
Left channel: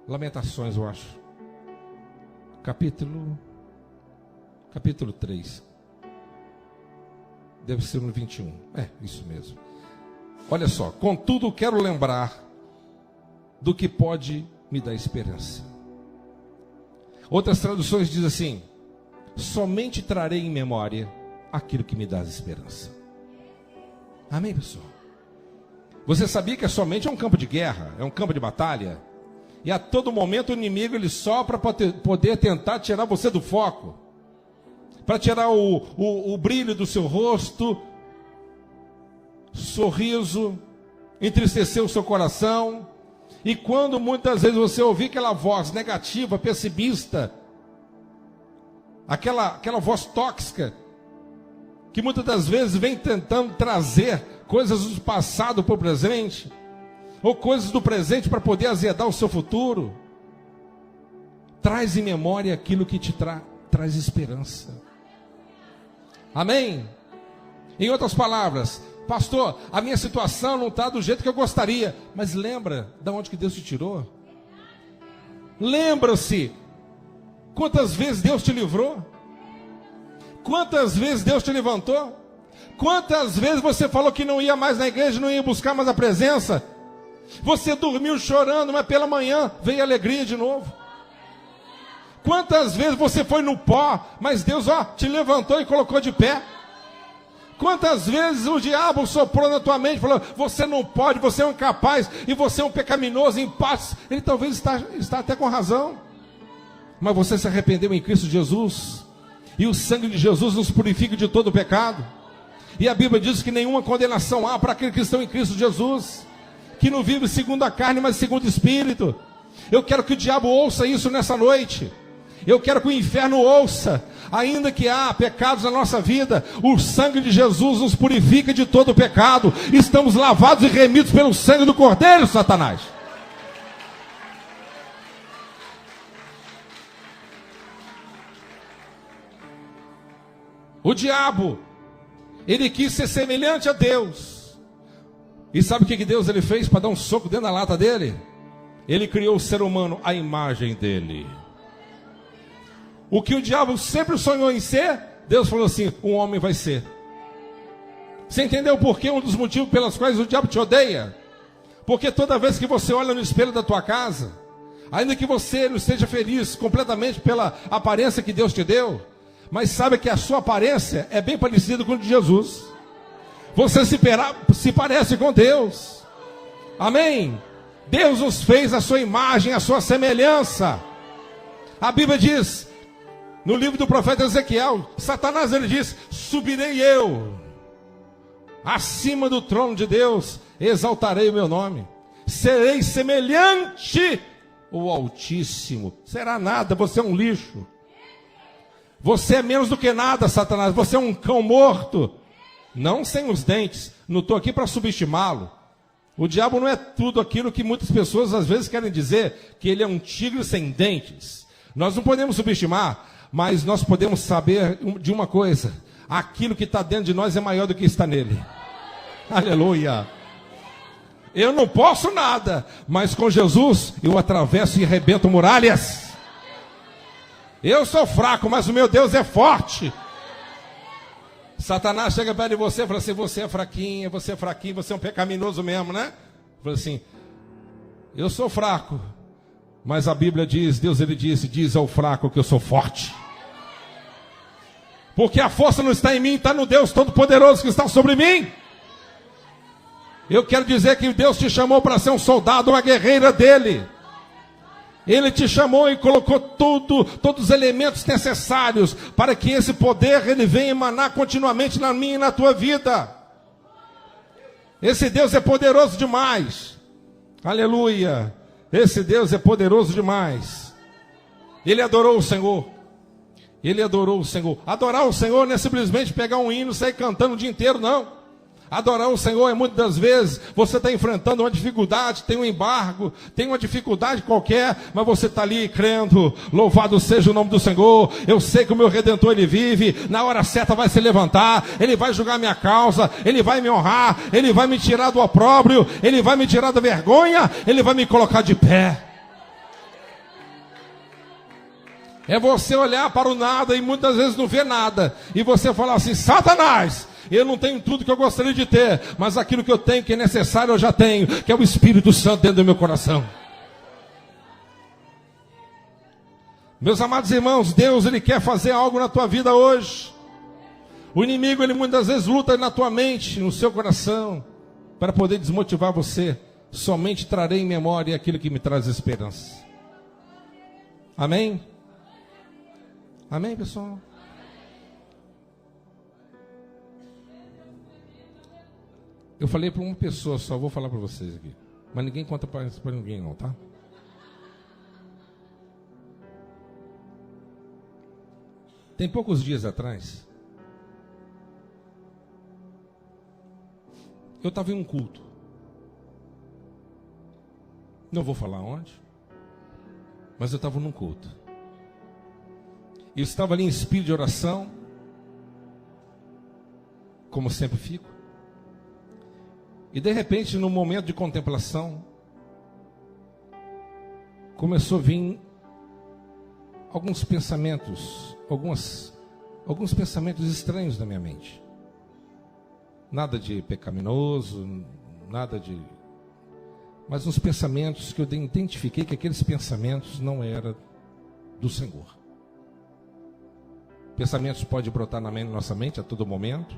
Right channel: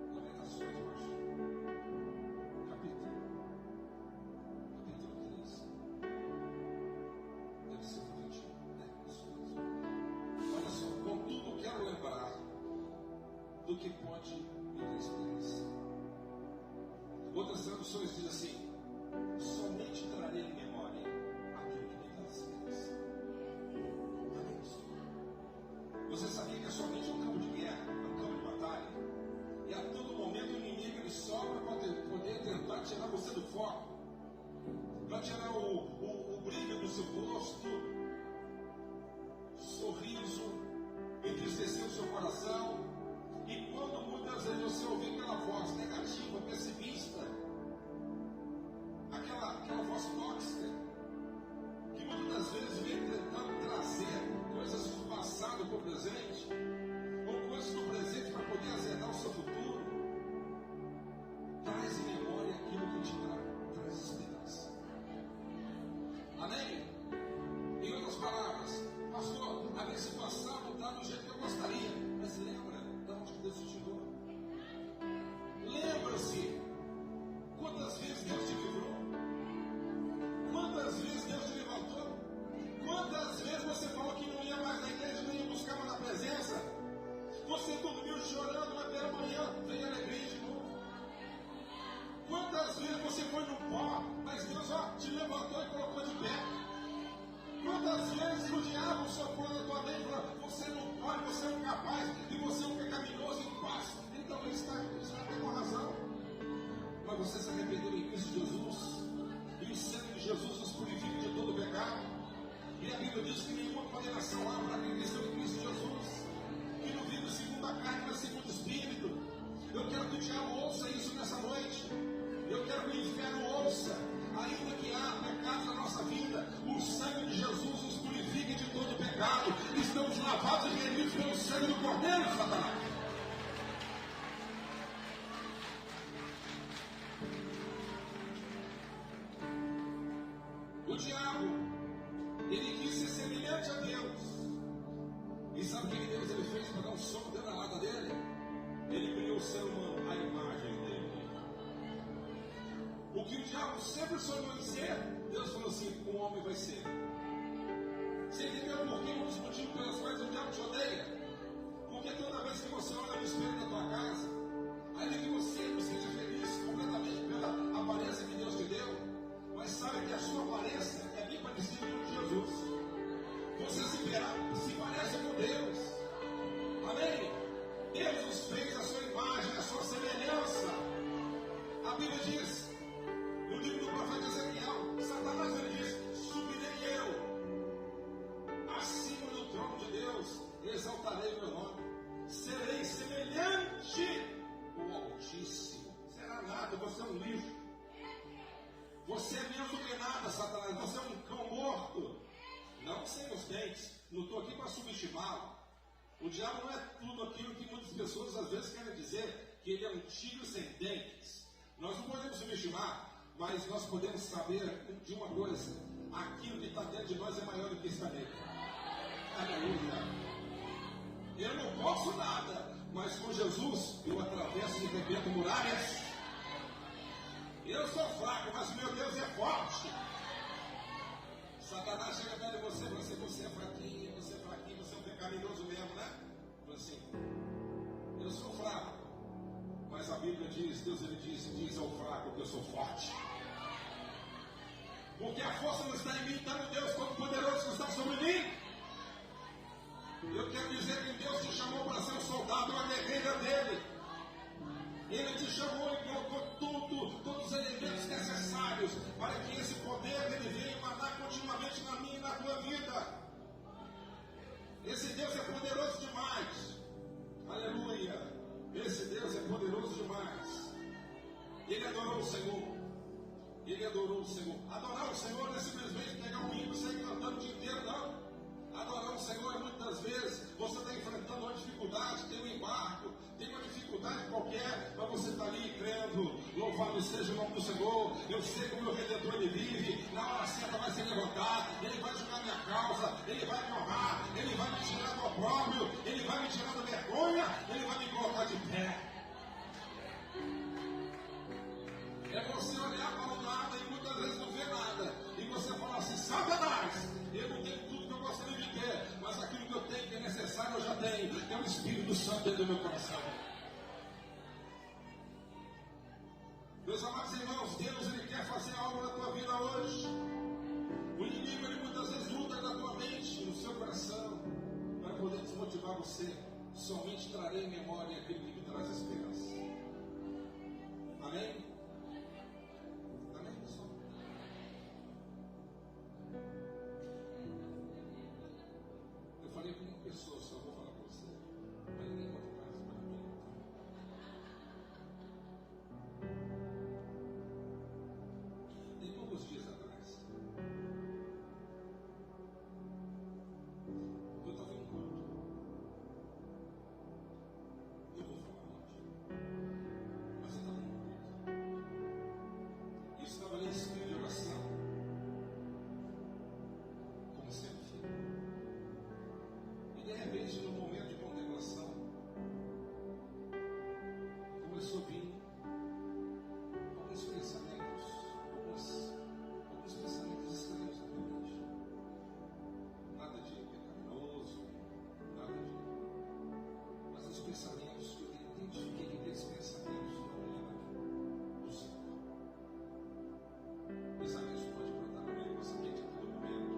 Lamentações, eu acho. Capítulo 3. Deve ser no 21. É, isso mesmo. Olha só. Contudo, quero lembrar do que pode me dar esperança. Outras traduções dizem assim: somente trarei em memória aquilo que me dá esperança. Amém, pessoal? Você sabia que a sua mente é um campo de guerra, é um campo de batalha? E a todo momento o inimigo ele sopra para poder tentar tirar você do foco, para tirar o brilho do seu rosto, sorriso, entristecer o seu coração. E quando muitas vezes você ouvir aquela voz negativa, pessimista, aquela voz tóxica, que muitas das vezes vem tentando trazer coisas do passado para o presente, ou coisas do presente para poder azedar o seu futuro, traz em memória aquilo que te traz esperança. Amém? Em outras palavras, pastor, a minha situação não está do jeito que eu gostaria, mas lembra de onde que Deus te tirou? Lembra-se quantas vezes Deus te livrou? Quantas vezes Deus te levantou? Quantas vezes você falou que não ia mais na igreja, não ia buscar mais a presença? Você dormiu chorando, mas pela manhã veio alegria de novo. Quantas vezes você foi no pó, mas Deus te levantou e colocou de pé? Quantas vezes o diabo soprou na tua mente, falou: você não pode, você é um incapaz, e você é um pecaminoso, impácio. Ele talvez está até com razão, mas você se arrependeu em Cristo Jesus, e o sangue de Jesus nos purifica de todo o pecado. E a Bíblia diz que nenhuma condenação há para aqueles que estão em Cristo Jesus, que não vive segundo a carne, mas segundo o Espírito. Eu quero que o diabo ouça isso nessa noite. Eu quero que o inferno ouça. Ainda que há pecados na nossa vida, o sangue de Jesus nos purifica de todo o pecado. Estamos lavados e remidos pelo sangue do Cordeiro, Satanás. O diabo, ele quis ser semelhante a Deus. E sabe o que Deus ele fez para dar um soco dentro da lata dele? Ele criou o ser humano à imagem dele. O que o diabo sempre sonhou em ser, Deus falou assim: um homem vai ser. Você entendeu por quê? Um dos motivos pelos quais o diabo te odeia? Porque toda vez que você olha no espelho da tua casa, ainda que você não esteja feliz completamente pela aparência que Deus te deu, mas sabe que a sua aparência é bem parecida com a de Jesus. Você se parece com Deus. Amém? Deus nos fez a sua imagem, a sua semelhança. A Bíblia diz, no livro do profeta Ezequiel, Satanás ele diz: subirei eu acima do trono de Deus, exaltarei o meu nome, serei semelhante ao Altíssimo. Será nada, você é um lixo. Você é menos do que nada, Satanás. Você é um cão morto, não sem os dentes. Não estou aqui para subestimá-lo. O diabo não é tudo aquilo que muitas pessoas às vezes querem dizer, que ele é um tigre sem dentes. Nós não podemos subestimar, mas nós podemos saber de uma coisa: aquilo que está dentro de nós é maior do que está nele. Aleluia. Eu não posso nada, mas com Jesus eu atravesso e arrebento muralhas. Eu sou fraco, mas o meu Deus é forte. Satanás chega perto de você e fala assim: você é fraquinho, você é um pecaminoso mesmo, né? Fala assim: eu sou fraco, mas a Bíblia diz, Deus ele disse: diz ao fraco que eu sou forte. Porque a força não está em mim, está no Deus Todo-Poderoso que está sobre mim. Eu quero dizer que Deus te chamou para ser um soldado, uma guerreira dele. Ele te chamou e colocou todos os elementos necessários para que esse poder ele venha emanar continuamente na minha e na tua vida. Esse Deus é poderoso demais. Aleluia. Esse Deus é poderoso demais. Ele adorou o Senhor. Ele adorou o Senhor. Adorar o Senhor não é simplesmente pegar um hino e sair cantando o dia inteiro, não. Adorar o Senhor é muitas das vezes, você está enfrentando uma dificuldade, tem um embargo, tem uma dificuldade qualquer, mas você está ali crendo, louvado seja o nome do Senhor, eu sei que o meu Redentor Ele vive, na hora certa vai se levantar, Ele vai julgar minha causa, Ele vai me honrar, Ele vai me tirar do opróbrio, Ele vai me tirar da vergonha, Ele vai me colocar de pé. É você olhar para o nada e muitas vezes não ver nada, e você falar assim: Satanás, eu não tenho tudo que eu gostaria de ter, mas aquilo que eu tenho, que é necessário, eu já tenho, que é o Espírito Santo dentro do meu coração. Meus amados irmãos, Deus, Ele quer fazer algo na tua vida hoje. O inimigo, ele muitas vezes luta na tua mente, no seu coração, para poder desmotivar você. Somente trarei em memória aquilo que me traz esperança. Amém? Amém, pessoal? Eu falei para uma pessoa só, vou falar para vocês aqui. Mas ninguém conta para ninguém não, tá? Tem poucos dias atrás, eu estava em um culto. Não vou falar onde, mas eu estava num culto. Eu estava ali em espírito de oração, como sempre fico. E de repente, no momento de contemplação, começou a vir alguns pensamentos, alguns pensamentos estranhos na minha mente. Nada de pecaminoso, nada de... Mas uns pensamentos que eu identifiquei que aqueles pensamentos não eram do Senhor. Pensamentos podem brotar na nossa mente a todo momento.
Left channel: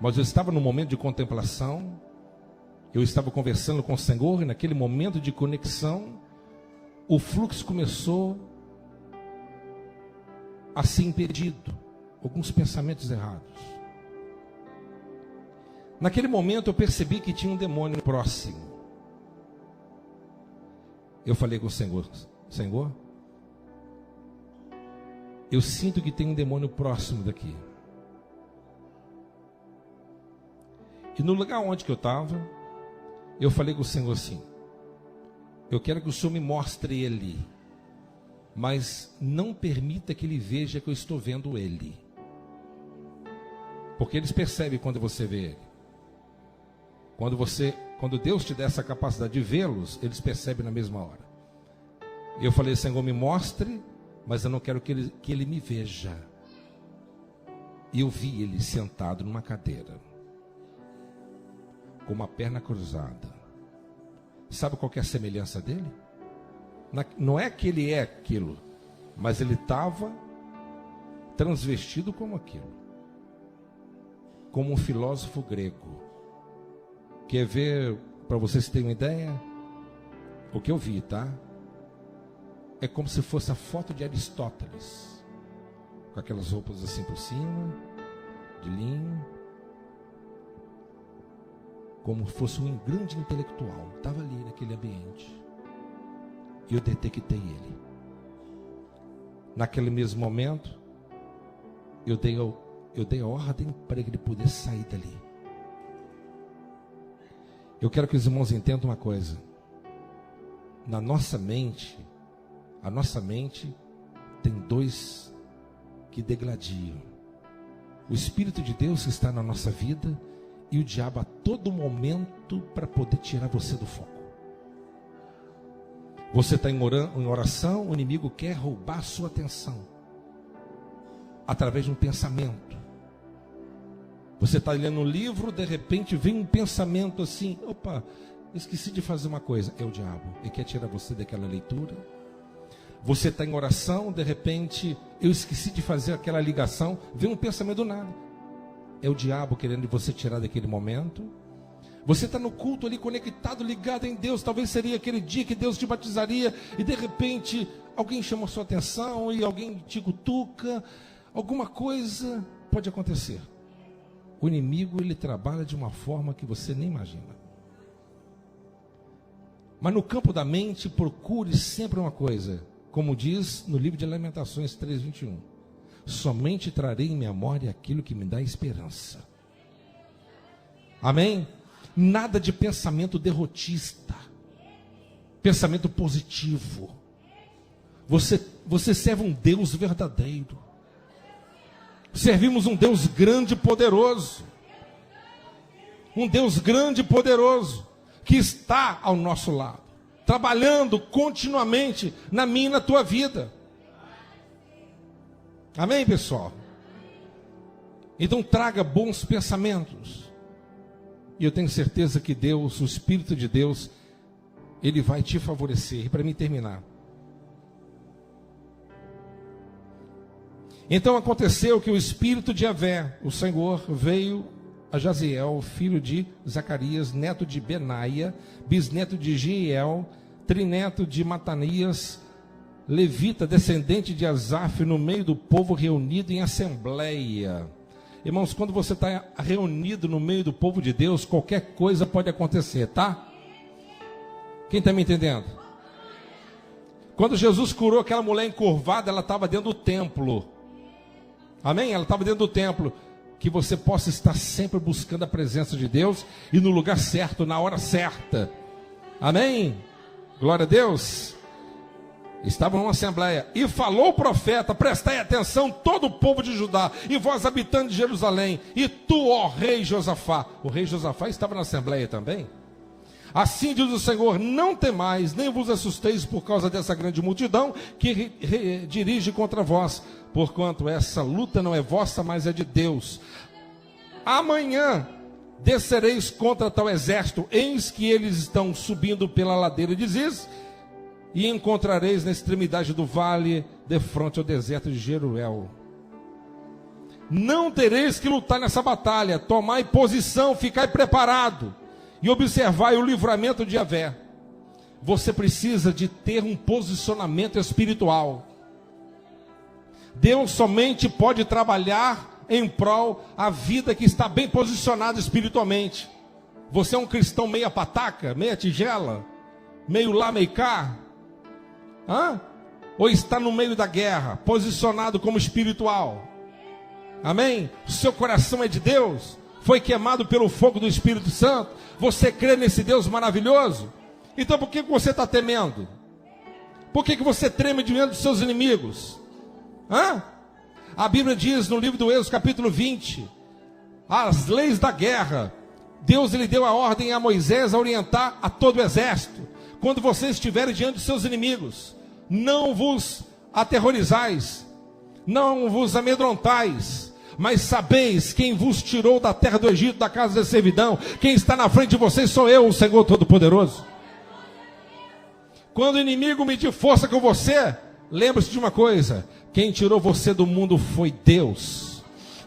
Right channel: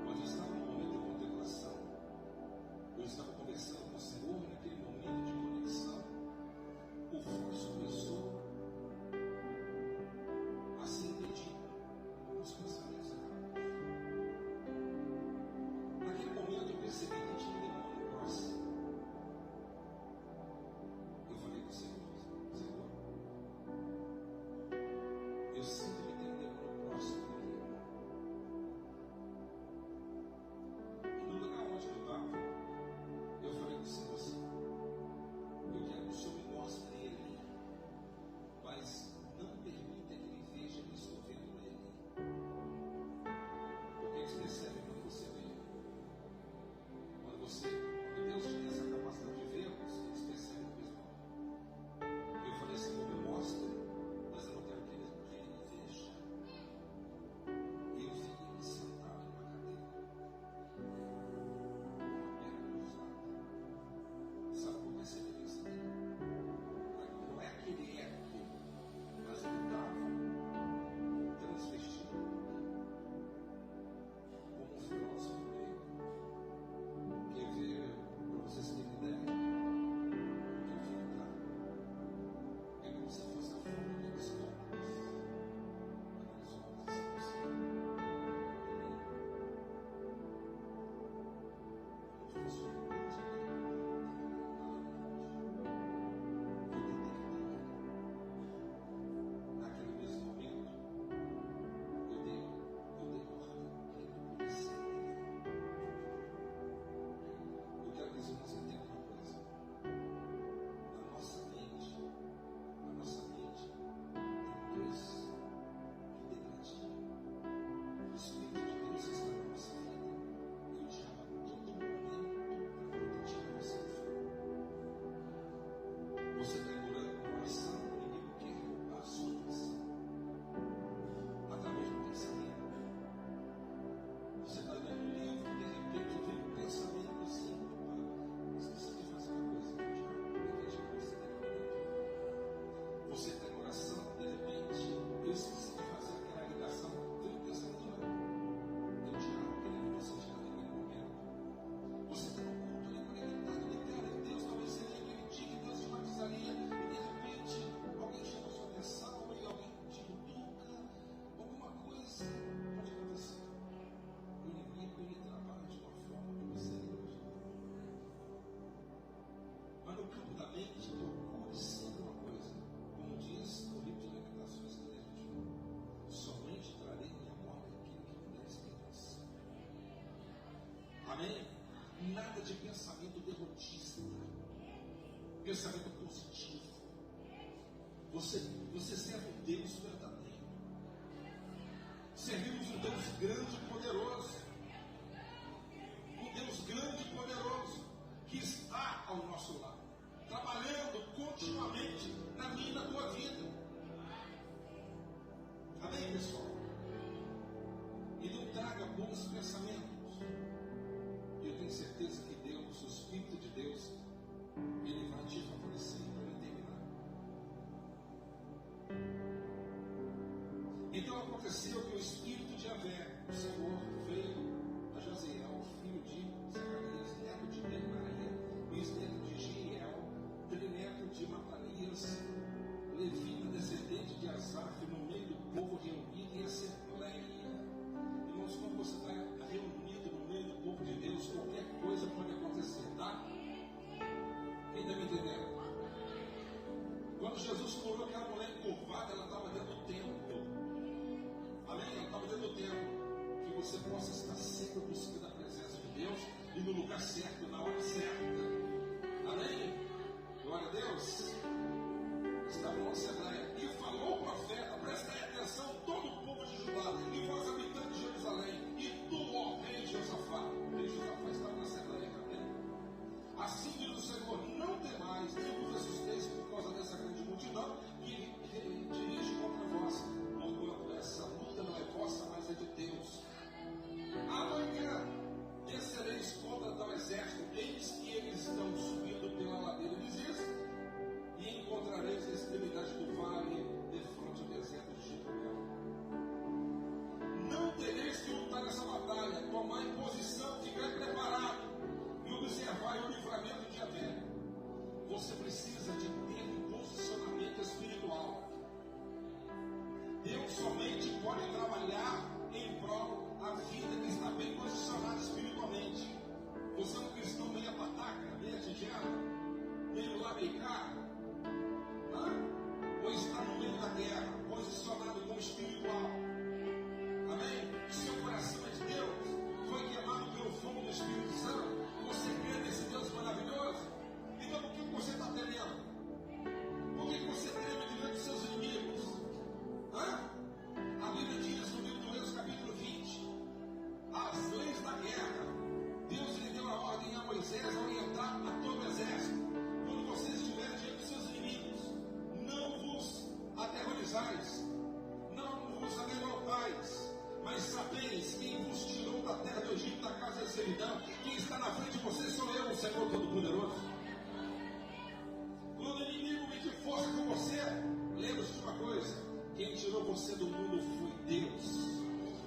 Mas eu estava num momento de contemplação, eu estava conversando com o Senhor, e naquele momento de conexão, o fluxo começou a ser impedido, alguns pensamentos errados. Naquele momento eu percebi que tinha um demônio próximo. Eu falei com o Senhor: Senhor, eu sinto que tem um demônio próximo daqui. E no lugar onde que eu estava, eu falei com o Senhor assim: eu quero que o Senhor me mostre ele, mas não permita que ele veja que eu estou vendo ele. Porque eles percebem quando você vê ele. Quando Deus te dá essa capacidade de vê-los, eles percebem na mesma hora. Eu falei: Senhor, me mostre, mas eu não quero que ele me veja. E eu vi ele sentado numa cadeira, com uma perna cruzada. Sabe qual que é a semelhança dele? Não é que ele é aquilo, mas ele estava transvestido como aquilo, como um filósofo grego. Quer ver, para vocês terem uma ideia, o que eu vi, tá? É como se fosse a foto de Aristóteles, com aquelas roupas assim por cima, de linho, como fosse um grande intelectual. Estava ali naquele ambiente, e eu detectei ele. Naquele mesmo momento, eu dei a ordem para que ele pudesse sair dali. Eu quero que os irmãos entendam uma coisa: na nossa mente, a nossa mente tem dois que degladiam: o Espírito de Deus que está na nossa vida, e o diabo a todo momento para poder tirar você do foco. Você está em oração, o inimigo quer roubar a sua atenção através de um pensamento. Você está lendo um livro, de repente vem um pensamento assim: opa, esqueci de fazer uma coisa. É o diabo, ele quer tirar você daquela leitura. Você está em oração, de repente, eu esqueci de fazer aquela ligação, vem um pensamento do nada. É o diabo querendo você tirar daquele momento. Você está no culto ali, conectado, ligado em Deus. Talvez seria aquele dia que Deus te batizaria, e de repente alguém chama a sua atenção, e alguém te cutuca. Alguma coisa pode acontecer. O inimigo, ele trabalha de uma forma que você nem imagina. Mas no campo da mente, procure sempre uma coisa, como diz no livro de Lamentações 3:21: somente trarei em memória aquilo que me dá esperança. Amém? Nada de pensamento derrotista. Pensamento positivo. Você serve um Deus verdadeiro. Servimos um Deus grande e poderoso. Um Deus grande e poderoso, que está ao nosso lado, trabalhando continuamente na minha e na tua vida. Amém, pessoal? Então traga bons pensamentos. E eu tenho certeza que Deus, o Espírito de Deus, Ele vai te favorecer. E para mim terminar. Então aconteceu que o Espírito de Yahvé, o Senhor, veio a Jaziel, filho de Zacarias, neto de Benaia, bisneto de Giel, trineto de Matanias, levita, descendente de Asaf, no meio do povo reunido em assembleia. Irmãos, quando você está reunido no meio do povo de Deus, qualquer coisa pode acontecer, tá? Quem está me entendendo? Quando Jesus curou aquela mulher encurvada, ela estava dentro do templo. Amém? Ela estava dentro do templo. Que você possa estar sempre buscando a presença de Deus e no lugar certo, na hora certa. Amém? Glória a Deus. Estavam numa assembleia. E falou o profeta: prestai atenção, todo o povo de Judá, e vós, habitantes de Jerusalém, e tu, ó rei Josafá. O rei Josafá estava na assembleia também. Assim diz o Senhor: não temais, nem vos assusteis por causa dessa grande multidão que dirige contra vós, porquanto essa luta não é vossa, mas é de Deus. Amanhã descereis contra tal exército, eis que eles estão subindo pela ladeira de Ziz, e encontrareis na extremidade do vale, defronte ao deserto de Jeruel. Não tereis que lutar nessa batalha, tomai posição, ficai preparado, e observai o livramento de Yahvé. Você precisa de ter um posicionamento espiritual. Deus somente pode trabalhar em prol a vida que está bem posicionada espiritualmente. Você é um cristão meia pataca, meia tigela, meio lá, meio cá? Ou está no meio da guerra, posicionado como espiritual? Amém? O seu coração é de Deus, foi queimado pelo fogo do Espírito Santo. Você crê nesse Deus maravilhoso? Então por que você está temendo? Por que você treme diante dos seus inimigos? A Bíblia diz no livro do Êxodo, capítulo 20, as leis da guerra. Deus ele deu a ordem a Moisés a orientar a todo o exército. Quando vocês estiverem diante dos seus inimigos, não vos aterrorizais, não vos amedrontais, mas sabeis quem vos tirou da terra do Egito, da casa da servidão. Quem está na frente de vocês sou eu, o Senhor Todo-Poderoso. Quando o inimigo medir força com você, lembre-se de uma coisa: quem tirou você do mundo foi Deus.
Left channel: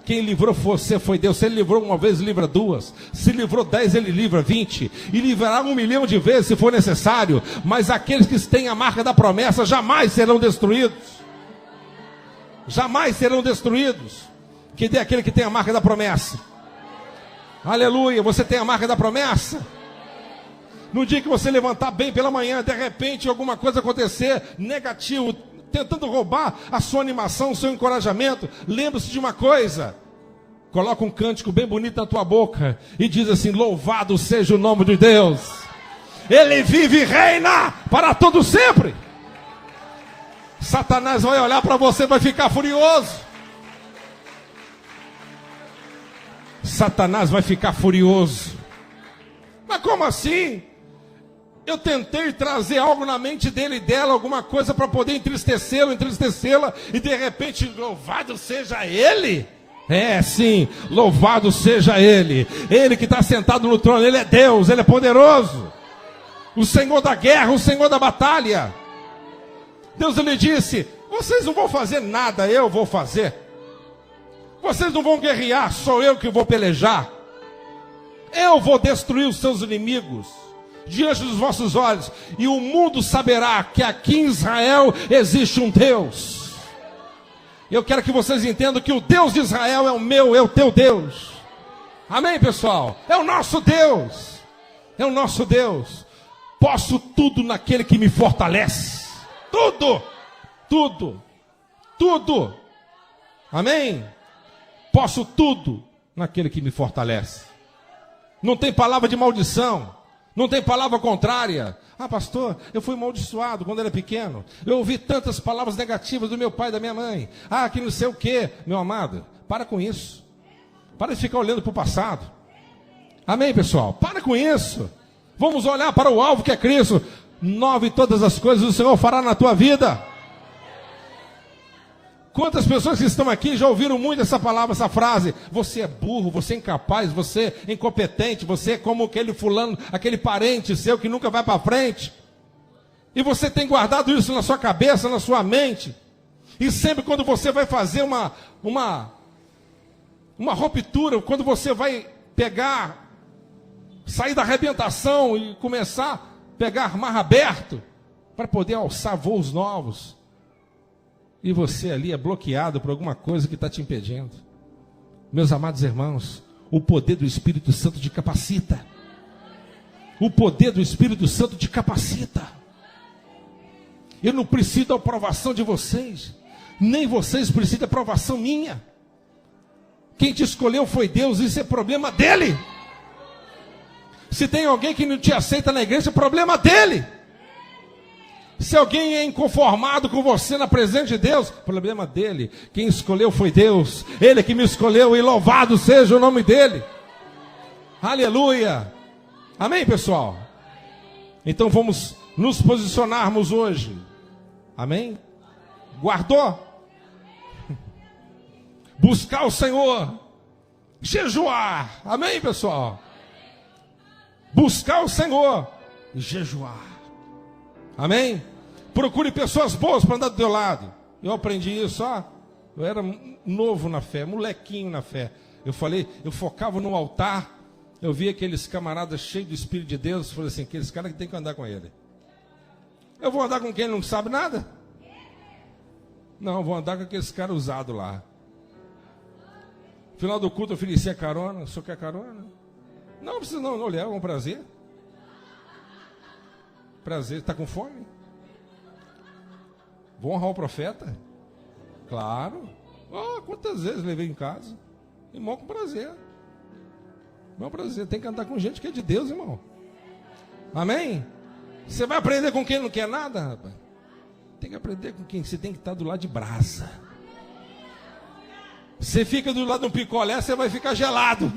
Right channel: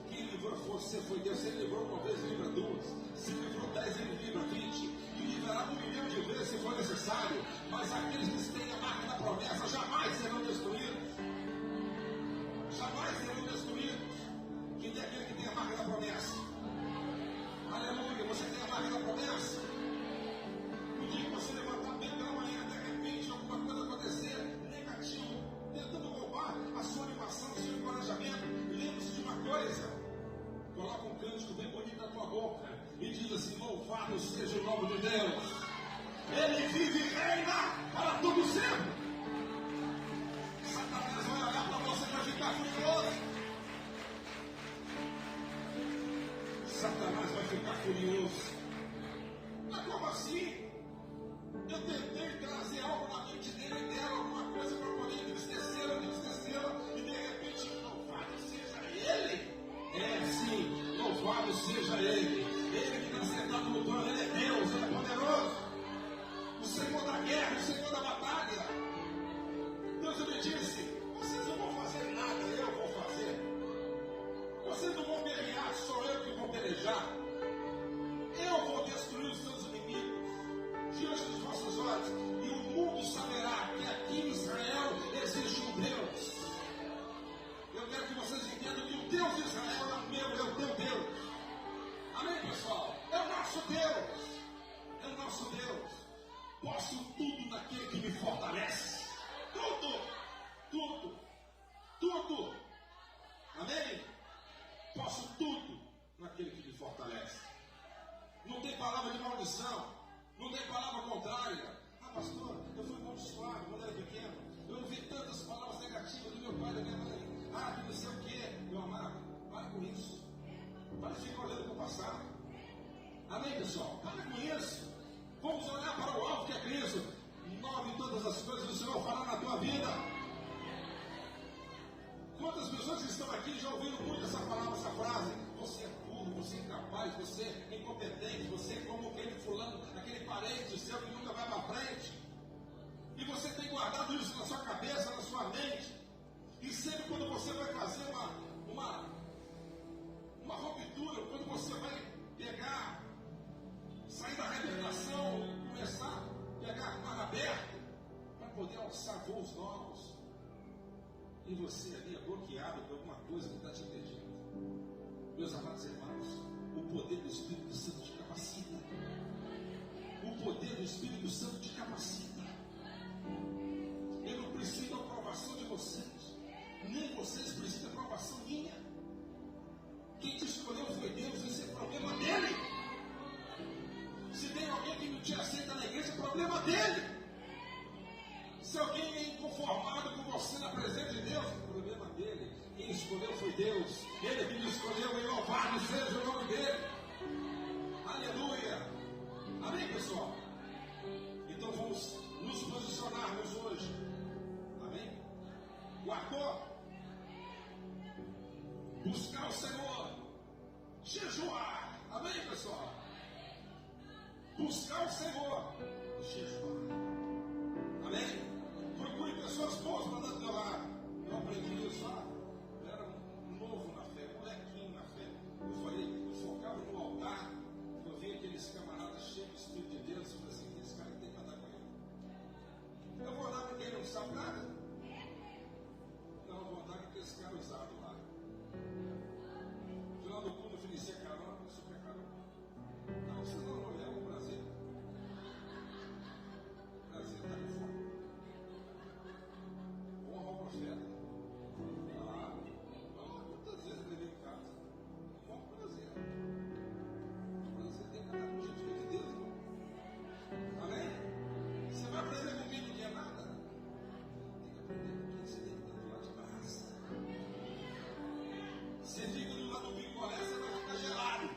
Quem livrou você foi Deus. Se Ele livrou uma vez, livra duas. Se livrou 10, Ele livra 20. E livrará 1 milhão de vezes se for necessário. Mas aqueles que têm a marca da promessa jamais serão destruídos. Jamais serão destruídos. Que dê aquele que tem a marca da promessa. Aleluia, você tem a marca da promessa? No dia que você levantar bem pela manhã, de repente alguma coisa acontecer negativo, tentando roubar a sua animação, o seu encorajamento, lembre-se de uma coisa: coloca um cântico bem bonito na tua boca e diz assim: louvado seja o nome de Deus, Ele vive e reina para todo sempre. Satanás vai olhar para você e vai ficar furioso. Satanás vai ficar furioso. Mas como assim? Eu tentei trazer algo na mente dele e dela, alguma coisa para poder entristecê-la, e de repente, louvado seja Ele. É, sim, louvado seja Ele. Ele que está sentado no trono, Ele é Deus, Ele é poderoso. O Senhor da guerra, o Senhor da batalha. Deus lhe disse: vocês não vão fazer nada, eu vou fazer. Vocês não vão guerrear, sou eu que vou pelejar. Eu vou destruir os seus inimigos diante dos vossos olhos, e o mundo saberá que aqui em Israel existe um Deus. Eu quero que vocês entendam que o Deus de Israel é o meu, é o teu Deus. Amém, pessoal? É o nosso Deus. É o nosso Deus. Posso tudo naquele que me fortalece. Tudo. Tudo. Tudo. Amém? Posso tudo naquele que me fortalece. Não tem palavra de maldição. Não tem palavra contrária. Ah, pastor, eu fui amaldiçoado quando era pequeno. Eu ouvi tantas palavras negativas do meu pai e da minha mãe. Ah, que não sei o quê. Meu amado, para com isso. Para de ficar olhando para o passado. Amém, pessoal? Para com isso. Vamos olhar para o alvo que é Cristo. Nove todas as coisas o Senhor fará na tua vida. Quantas pessoas que estão aqui já ouviram muito essa palavra, essa frase? Você é burro, você é incapaz, você é incompetente, você é como aquele fulano, aquele parente seu que nunca vai para frente. E você tem guardado isso na sua cabeça, na sua mente. E sempre quando você vai fazer uma ruptura, quando você vai sair da arrebentação e começar a pegar mar aberto, para poder alçar voos novos. E você ali é bloqueado por alguma coisa que está te impedindo. Meus amados irmãos, o poder do Espírito Santo te capacita. O poder do Espírito Santo te capacita. Eu não preciso da aprovação de vocês, nem vocês precisam da aprovação minha. Quem te escolheu foi Deus, isso é problema dele. Se tem alguém que não te aceita na igreja, é problema dele. Se alguém é inconformado com você na presença de Deus, problema dele. Quem escolheu foi Deus. Ele que me escolheu, e louvado seja o nome dele. Aleluia. Amém, pessoal? Então vamos nos posicionarmos hoje. Amém? Guardou? Buscar o Senhor. Jejuar. Amém, pessoal? Buscar o Senhor e jejuar. Amém? Procure pessoas boas para andar do teu lado. Eu aprendi isso, eu era novo na fé, molequinho na fé. Eu focava no altar, eu via aqueles camaradas cheios do Espírito de Deus, falei assim, aqueles caras que tem que andar com ele. Eu vou andar com quem não sabe nada? Não, vou andar com aqueles caras usados lá. No final do culto eu ofereci a carona. O senhor quer carona? Não precisa não, olha, é um prazer. Prazer, está com fome? Vou honrar o profeta? Claro. Quantas vezes levei em casa? Irmão, com prazer. Irmão, prazer. Tem que andar com gente que é de Deus, irmão. Amém? Você vai aprender com quem não quer nada, rapaz? Tem que aprender com quem você tem que estar do lado de brasa. Você fica do lado de um picolé, você vai ficar gelado.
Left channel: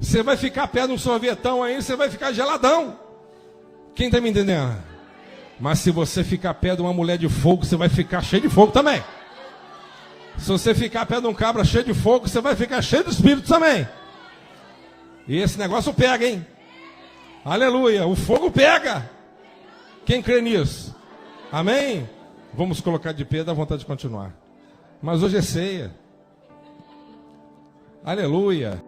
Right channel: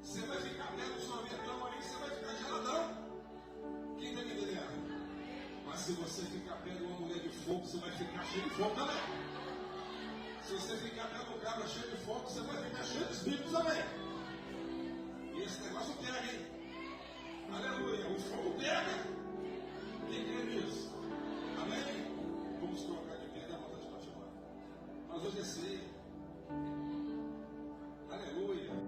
Você vai ficar perto de um sorvetão aí, você vai ficar geladão. Quem está me entendendo? Mas se você ficar perto de uma mulher de fogo, você vai ficar cheio de fogo também. Se você ficar perto de um cabra cheio de fogo, você vai ficar cheio do Espírito também. E esse negócio pega, hein? Aleluia, o fogo pega. Quem crê nisso? Amém? Vamos colocar de pé, dá vontade de continuar. Mas hoje é ceia. Aleluia.